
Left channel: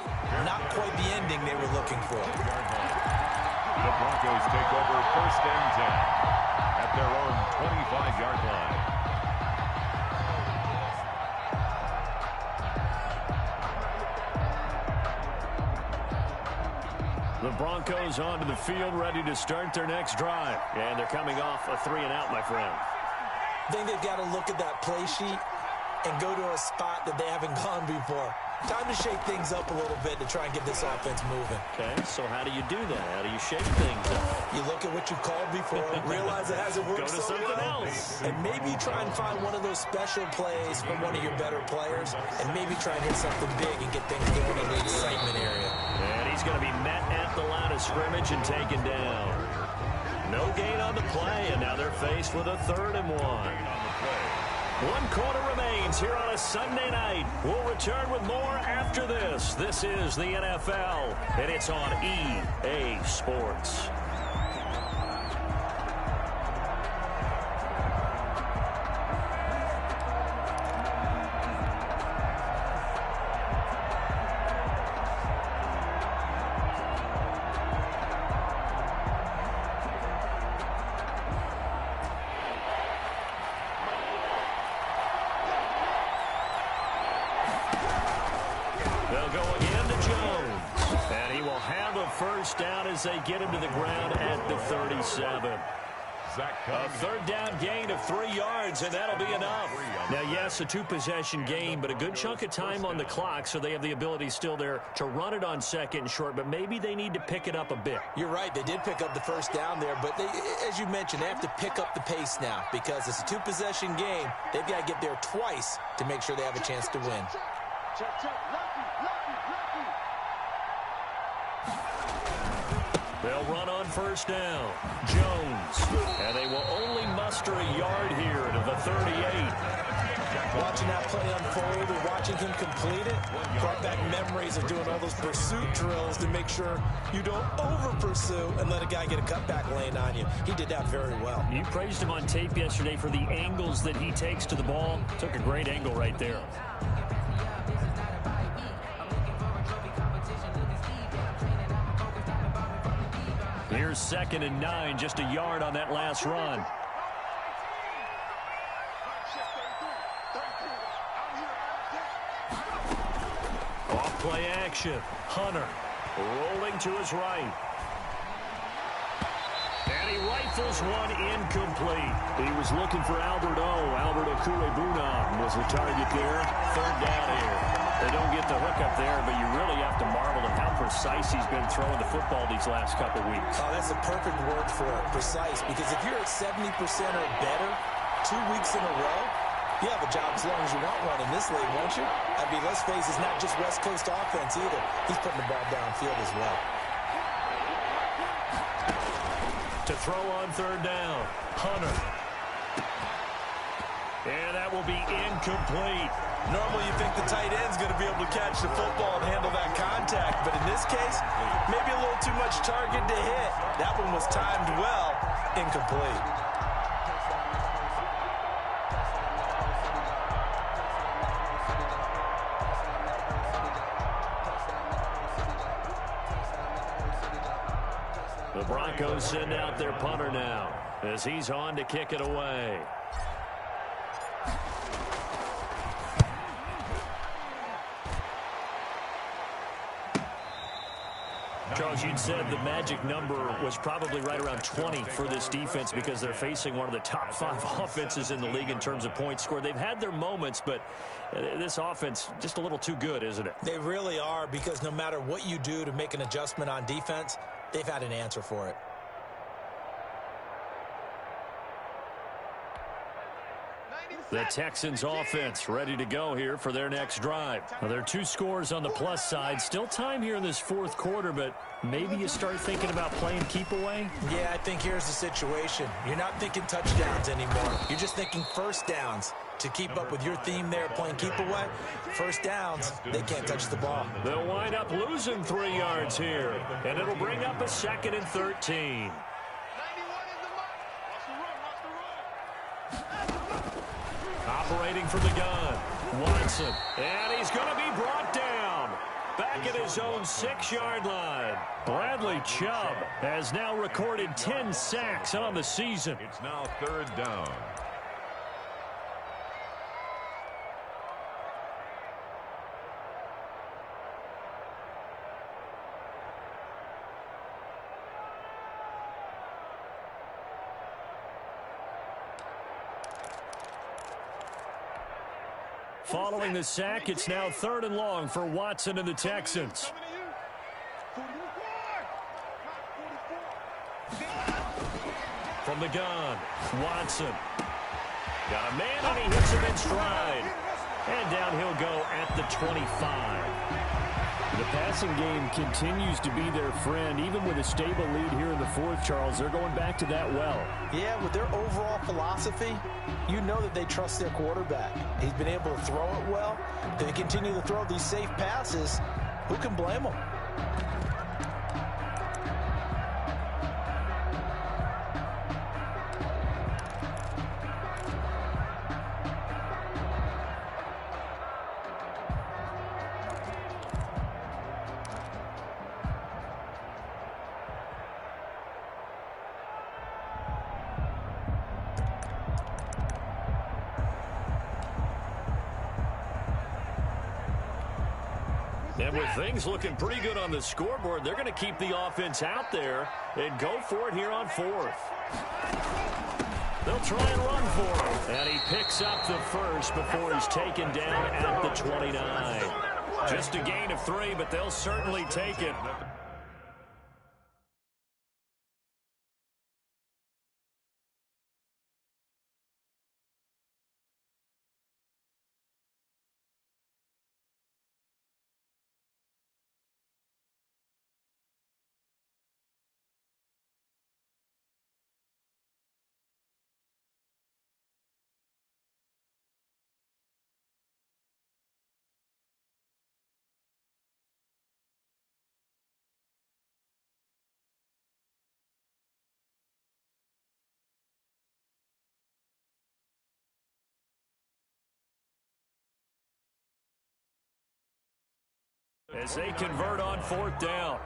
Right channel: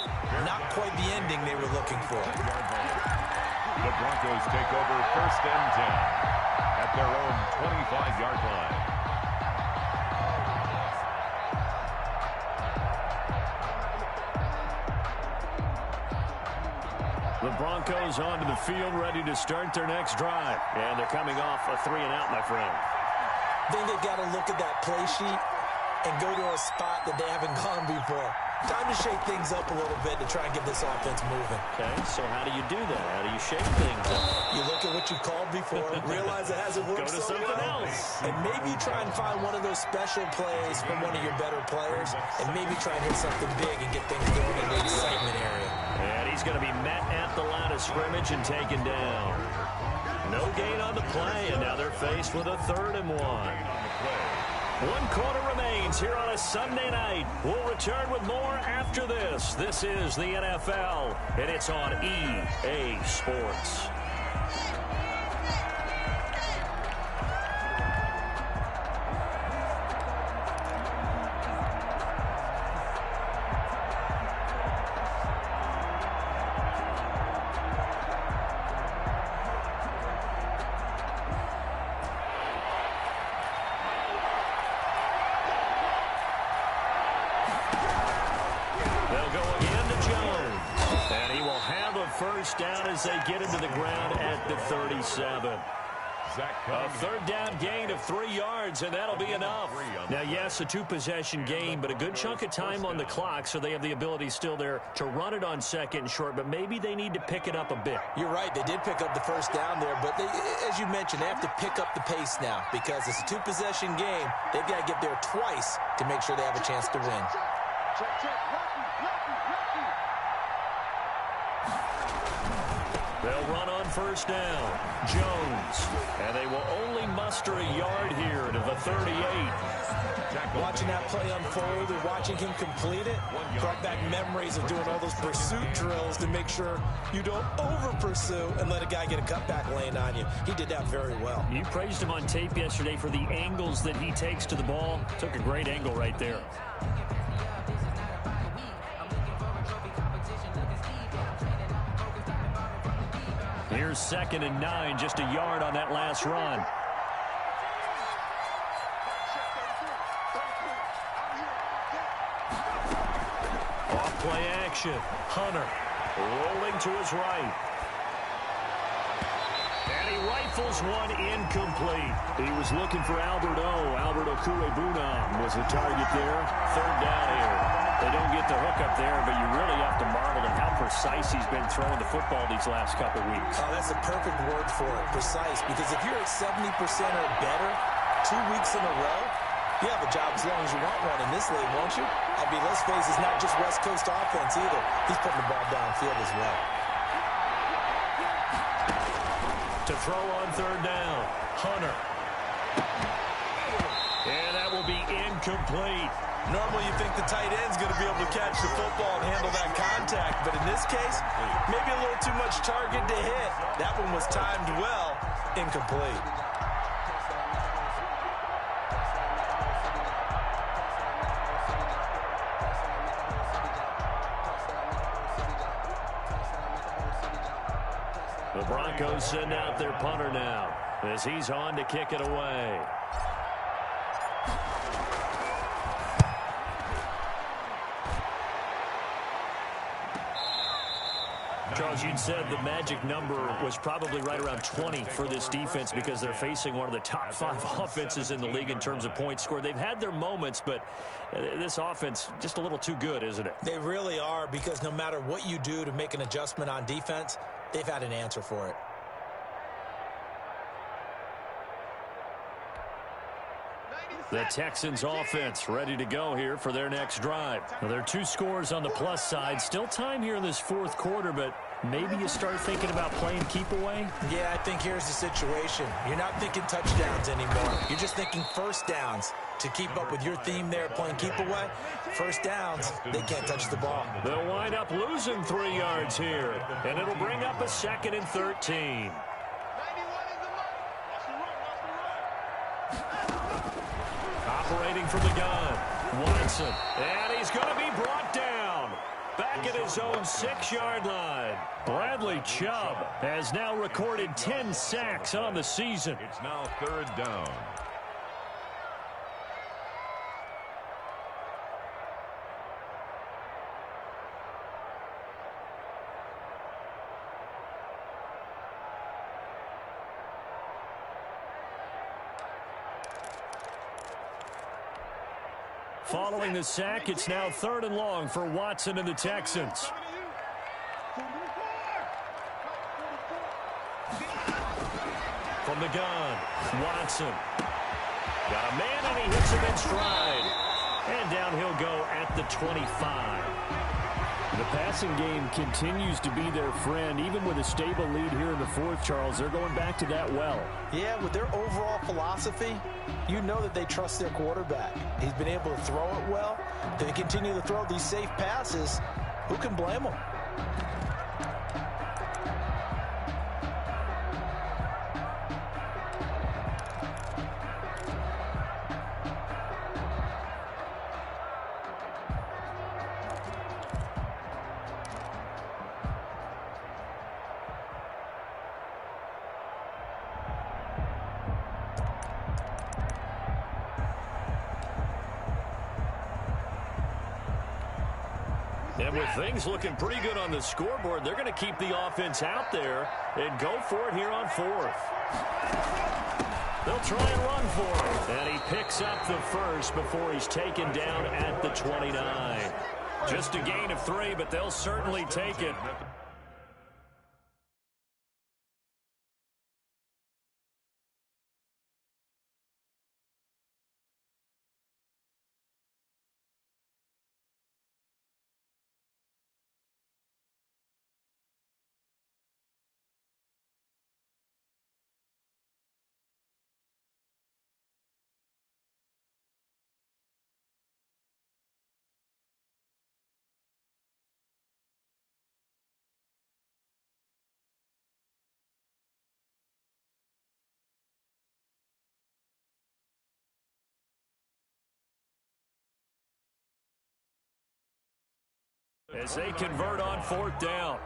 Not quite the ending they were looking for. The Broncos take over 1st and 10 at their own 25-yard line. The Broncos onto the field, ready to start their next drive. And they're coming off a 3-and-out, my friend. I think they've got to look at that play sheet and go to a spot that they haven't gone before. Time to shake things up a little bit to try and get this offense moving. Okay, so how do you do that? How do you shake things up? You look at what you've called before, realize it hasn't worked so so well, and maybe try and find one of those special plays from one of your better players, and maybe try and hit something big and get things going in the excitement area. And he's going to be met at the line of scrimmage and taken down. No gain on the play, and now they're faced with a 3rd and 1. 1 quarter remains here on a Sunday night. We'll return with more after this. This is the NFL, and it's on EA Sports. They'll go again to Jones. And he will have a 1st down as they get him to the ground at the 37. A 3rd down gain of 3 yards, and that'll be enough. Now, yes, a 2-possession game, but a good chunk of time on the clock, so they have the ability still there to run it on 2nd and short, but maybe they need to pick it up a bit. You're right. They did pick up the 1st down there, but they, as you mentioned, they have to pick up the pace now because it's a 2-possession game. They've got to get there twice to make sure they have a chance to win. Check. Lucky. They'll run on 1st down. Jones. And they will only muster a yard here to the 38. Watching that play unfold and watching him complete it brought back memories of doing all those pursuit drills to make sure you don't over-pursue and let a guy get a cutback lane on you. He did that very well. You praised him on tape yesterday for the angles that he takes to the ball. Took a great angle right there. Here's 2nd and 9, just a yard on that last run. Play action. Hunter rolling to his right. And he rifles one incomplete. He was looking for Albert Okuebunam was the target there. Third down here. They don't get the hook up there, but you really have to marvel at how precise he's been throwing the football these last couple weeks. Oh, that's a perfect word for it, precise, because if you're at 70% or better 2 weeks in a row, you have a job as long as you want one in this league, won't you? I mean, let's face it, it's not just West Coast offense either. He's putting the ball downfield as well. To throw on third down, Hunter. And that will be incomplete. Normally you think the tight end's going to be able to catch the football and handle that contact, but in this case, maybe a little too much target to hit. That one was timed well, incomplete. The Broncos send out their punter now as he's on to kick it away. Charles, you'd said the magic number was probably right around 20 for this defense because they're facing one of the top 5 offenses in the league in terms of points scored. They've had their moments, but this offense just a little too good, isn't it? They really are, because no matter what you do to make an adjustment on defense, they've had an answer for it. The Texans offense ready to go here for their next drive. Now, there are 2 scores on the plus side. Still time here in this fourth quarter, but maybe you start thinking about playing keep away? Yeah, I think here's the situation. You're not thinking touchdowns anymore. You're just thinking first downs. To keep up with your theme there, playing keep away, first downs, they can't touch the ball. They'll wind up losing 3 yards here, and it'll bring up a 2nd and 13. Operating from the gun, Watson, and he's going to be brought down. Back at his own 6-yard line. Bradley Chubb has now recorded 10 sacks on the season. It's now 3rd down. Following the sack, it's now 3rd and long for Watson and the Texans. From the gun, Watson. Got a man, and he hits him in stride. And down he'll go at the 25. The passing game continues to be their friend. Even with a stable lead here in the fourth, Charles, they're going back to that well. Yeah, with their overall philosophy, you know that they trust their quarterback. He's been able to throw it well. They continue to throw these safe passes. Who can blame them? And with things looking pretty good on the scoreboard, they're going to keep the offense out there and go for it here on 4th. They'll try and run for it. And he picks up the first before he's taken down at the 29. Just a gain of 3, but they'll certainly take it. As they convert on 4th down.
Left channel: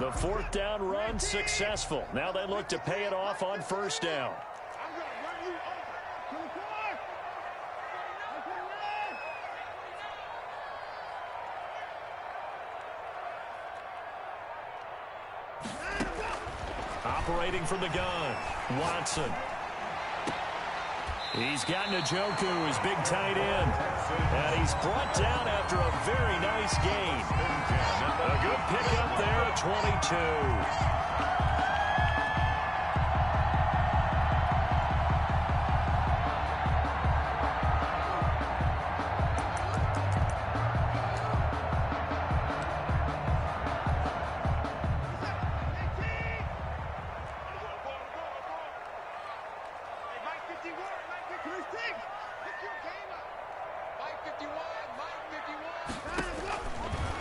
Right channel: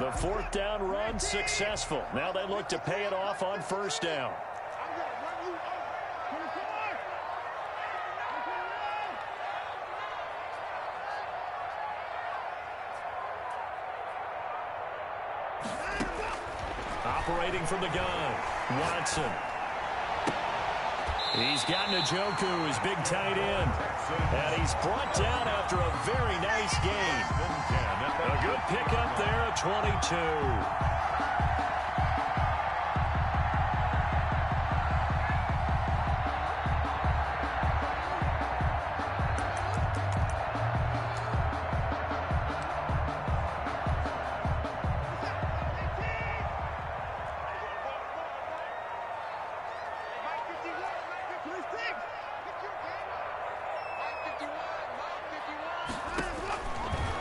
The fourth down run successful. Now they look to pay it off on first down. I'm going to run you over. 24. Operating from the gun, Watson. He's got Njoku, his big tight end. And he's brought down after a very nice gain. A good pickup there at 22.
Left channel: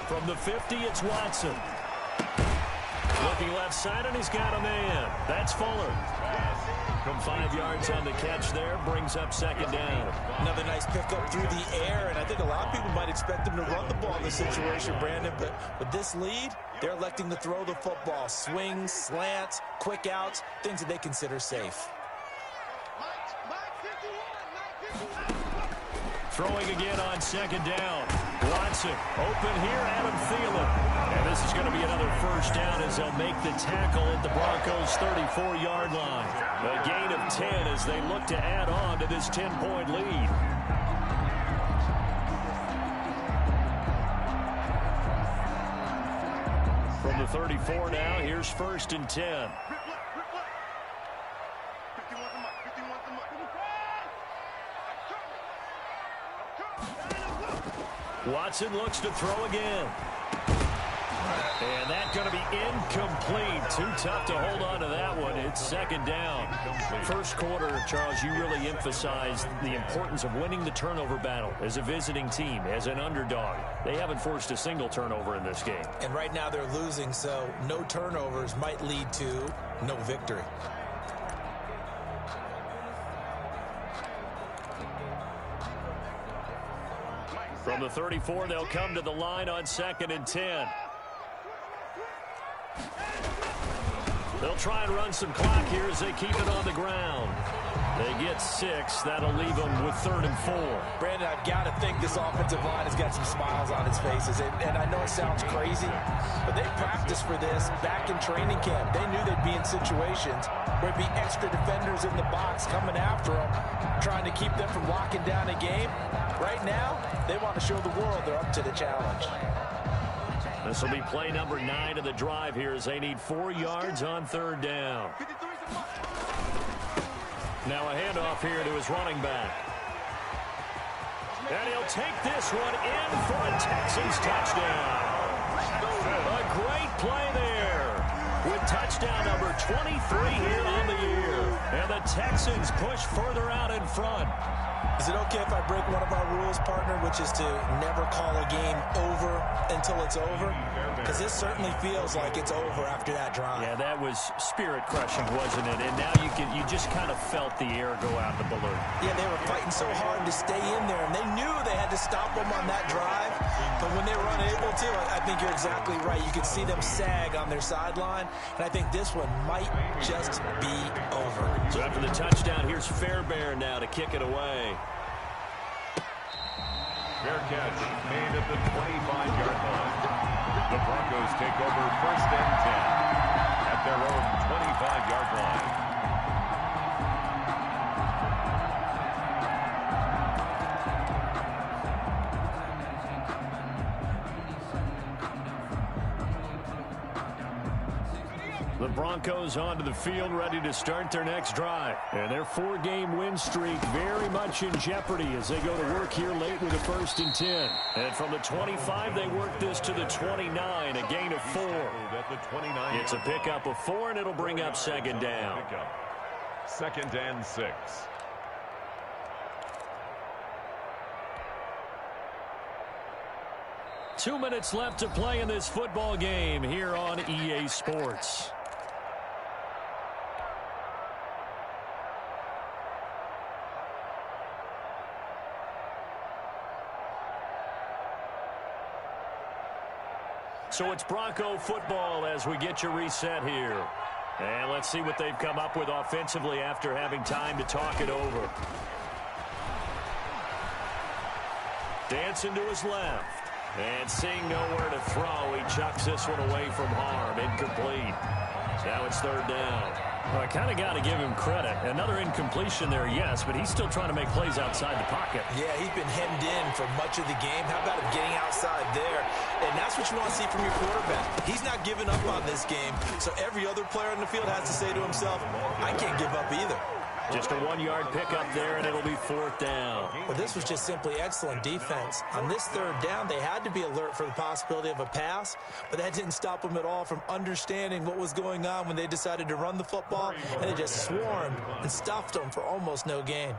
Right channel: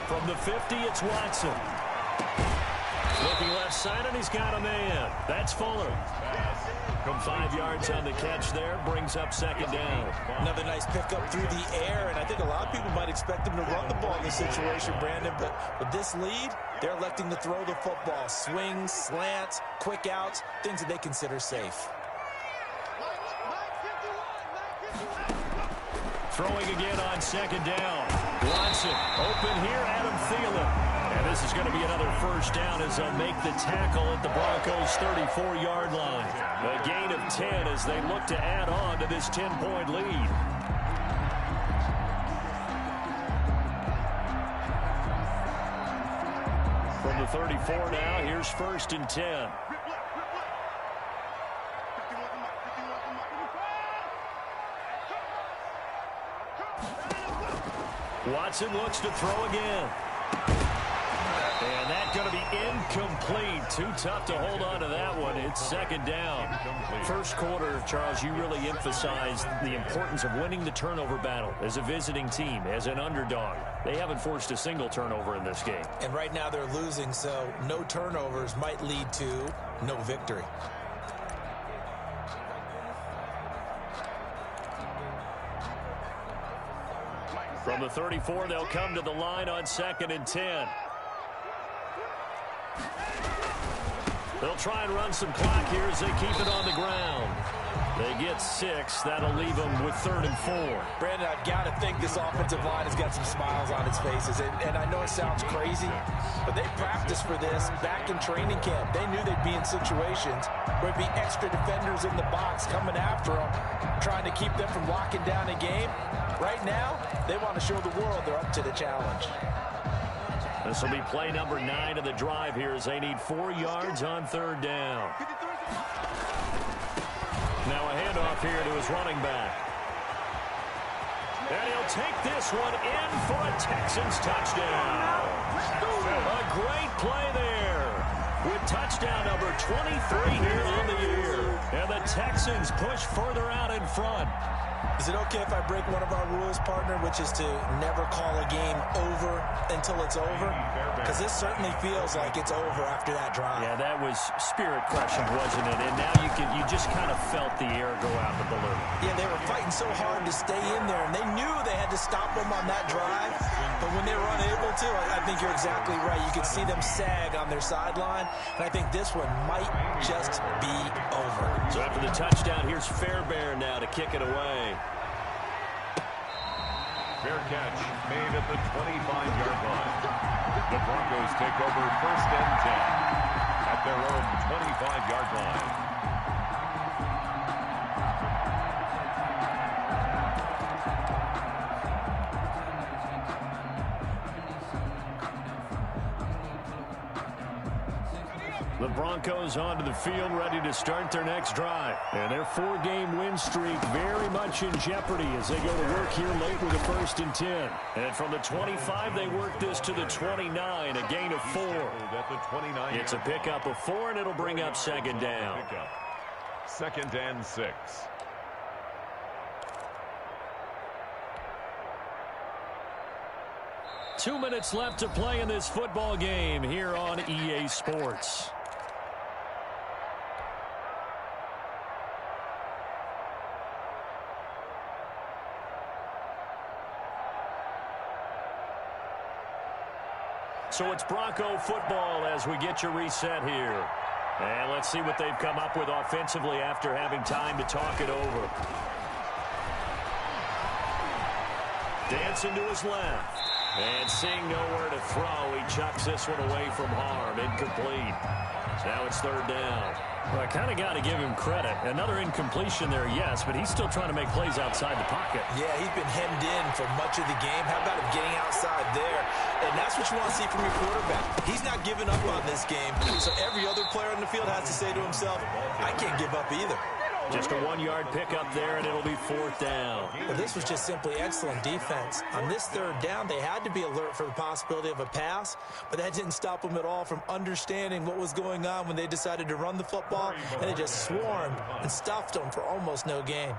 From the 50, it's Watson. Looking left side, and he's got a man. That's Fuller. 5 yards on the catch there, brings up second down. Another nice pickup through the air, and I think a lot of people might expect him to run the ball in this situation, Brandon, but with this lead, they're electing to throw the football. Swings, slants, quick outs, things that they consider safe. Throwing again on second down. Watson open here, Adam Thielen. And this is going to be another first down as they'll make the tackle at the Broncos' 34-yard line. A gain of 10 as they look to add on to this 10-point lead. From the 34 now, here's first and 10. Watson looks to throw again. And that's going to be incomplete. Too tough to hold on to that one. It's second down. First quarter, Charles, you really emphasized the importance of winning the turnover battle as a visiting team, as an underdog. They haven't forced a single turnover in this game. And right now they're losing, so no turnovers might lead to no victory. From the 34, they'll come to the line on second and 10. They'll try and run some clock here as they keep it on the ground. They get 6. That'll leave them with 3rd and 4. Brandon, I've got to think this offensive line has got some smiles on its faces. And I know it sounds crazy, but they practiced for this back in training camp. They knew they'd be in situations where it'd be extra defenders in the box coming after them, trying to keep them from locking down a game. Right now, they want to show the world they're up to the challenge. This will be play number 9 of the drive here as they need 4 yards on 3rd down. Now a handoff here to his running back. And he'll take this one in for a Texans touchdown. A great play there with touchdown number 23 here on the year. And the Texans push further out in front. Is it okay if I break one of our rules, partner, which is to never call a game over until it's over? Because this certainly feels like it's over after that drive. Yeah, that was spirit-crushing, wasn't it? And now you just kind of felt the air go out of the balloon. Yeah, they were fighting so hard to stay in there, and they knew they had to stop them on that drive. But when they were unable to, I think you're exactly right. You could see them sag on their sideline, and I think this one might just be over. So after the touchdown, here's Fairbairn now to kick it away. Fair catch made at the 25-yard line. The Broncos take over first and 10 at their own 25-yard line. The Broncos onto the field, ready to start their next drive. And their 4-game win streak very much in jeopardy as they go to work here late with a first and 10. And from the 25, they work this to the 29, a gain of 4. It's a pickup of 4, and it'll bring up second down. Second and 6. Two minutes left to play in this football game here on EA Sports. So it's Bronco football as we get you reset here. And let's see what they've come up with offensively after having time to talk it over. Dancing to his left. And seeing nowhere to throw, he chucks this one away from harm. Incomplete. Now it's third down. Well, I kind of got to give him credit. Another incompletion there, yes, but he's still trying to make plays outside the pocket. Yeah, he's been hemmed in for much of the game. How about him getting outside there? And that's what you want to see from your quarterback. He's not giving up on this game, so every other player on the field has to say to himself, I can't give up either. Just a 1-yard pickup there, and it'll be fourth down. Well, this was just simply excellent defense. On this third down, they had to be alert for the possibility of a pass, but that didn't stop them at all from understanding what was going on when they decided to run the football, and they just swarmed and stuffed them for almost no gain.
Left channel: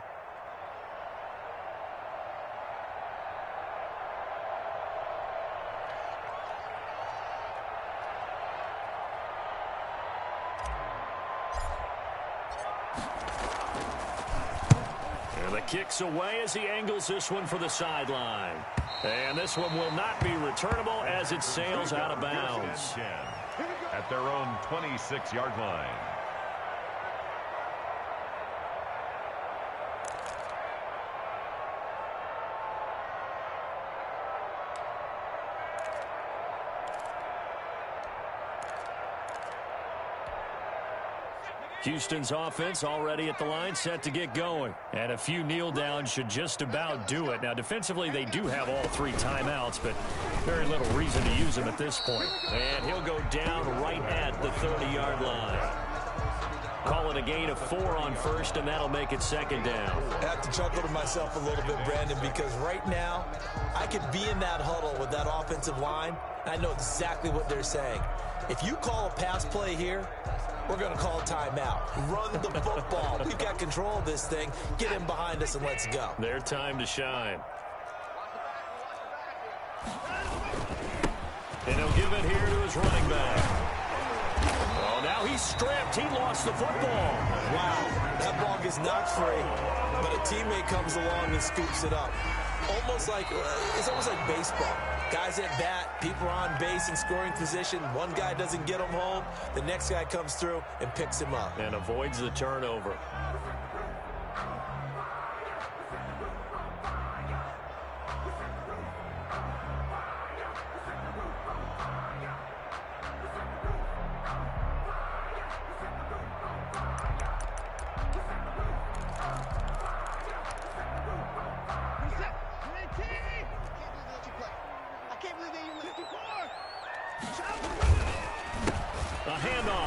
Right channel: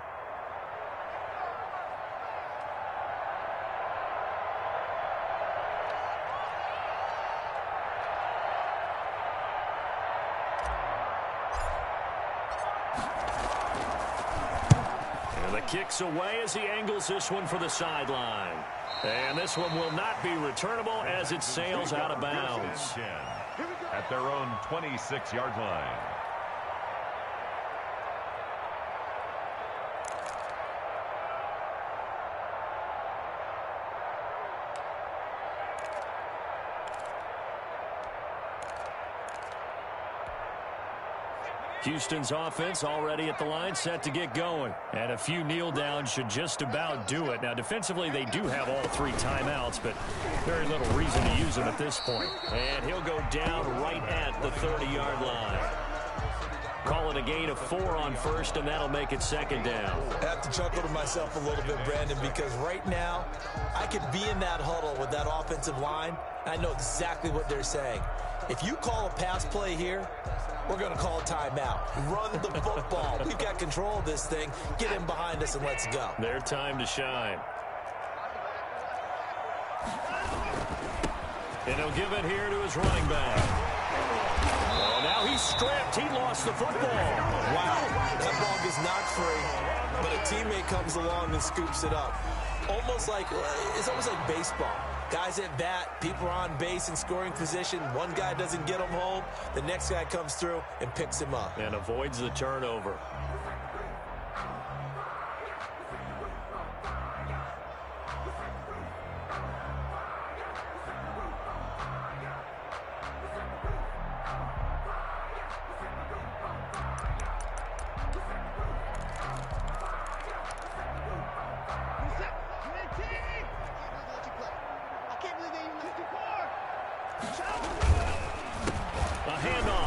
Kicks away as he angles this one for the sideline. And this one will not be returnable as it sails out of bounds. At their own 26-yard line. Houston's offense already at the line, set to get going. And a few kneel downs should just about do it. Now, defensively, they do have all 3 timeouts, but very little reason to use them at this point. And he'll go down right at the 30-yard line. Call it a gain of 4 on first, and that'll make it second down. I have to chuckle to myself a little bit, Brandon, because right now, I could be in that huddle with that offensive line. I know exactly what they're saying. If you call a pass play here, we're going to call a timeout. Run the football. We've got control of this thing. Get him behind us and let's go. Their time to shine. And he'll give it here to his running back. Oh, now he's stripped. He lost the football. Wow, that ball gets knocked free, but a teammate comes along and scoops it up. It's almost like baseball. Guys at bat, people are on base in scoring position. One guy doesn't get him home. The next guy comes through and picks him up. And avoids the turnover.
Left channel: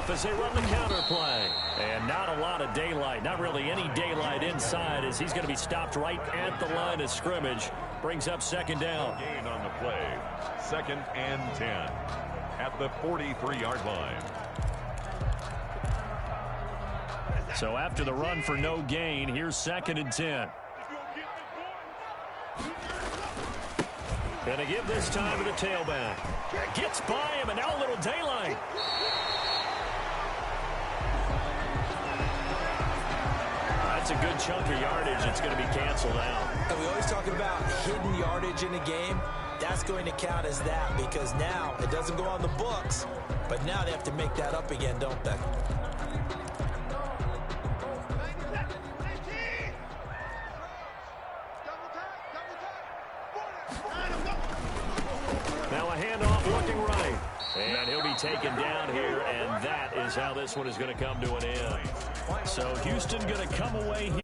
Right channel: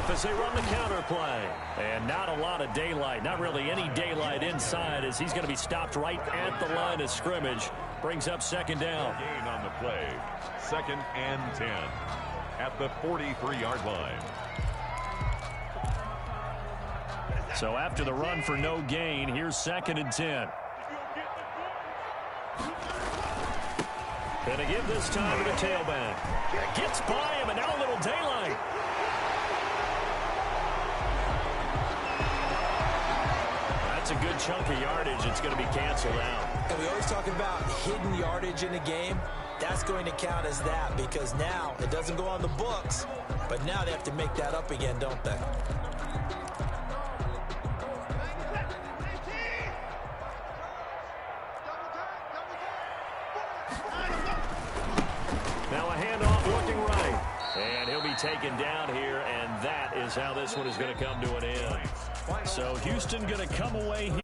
As they run the counter play. And not a lot of daylight. Not really any daylight inside as he's going to be stopped right at the line of scrimmage. Brings up second down. Gain on the play. 2nd and 10 at the 43-yard line. So after the run for no gain, here's 2nd and 10. Going to give this time to the tailback. Gets by him, and now a little daylight. That's a good chunk of yardage. It's going to be canceled out. And we always talk about hidden yardage in a game. That's going to count as that because now it doesn't go on the books, but now they have to make that up again, don't they? Now a handoff looking right. And he'll be taken down here, and that is how this one is going to come to an end. So Houston going to come away here.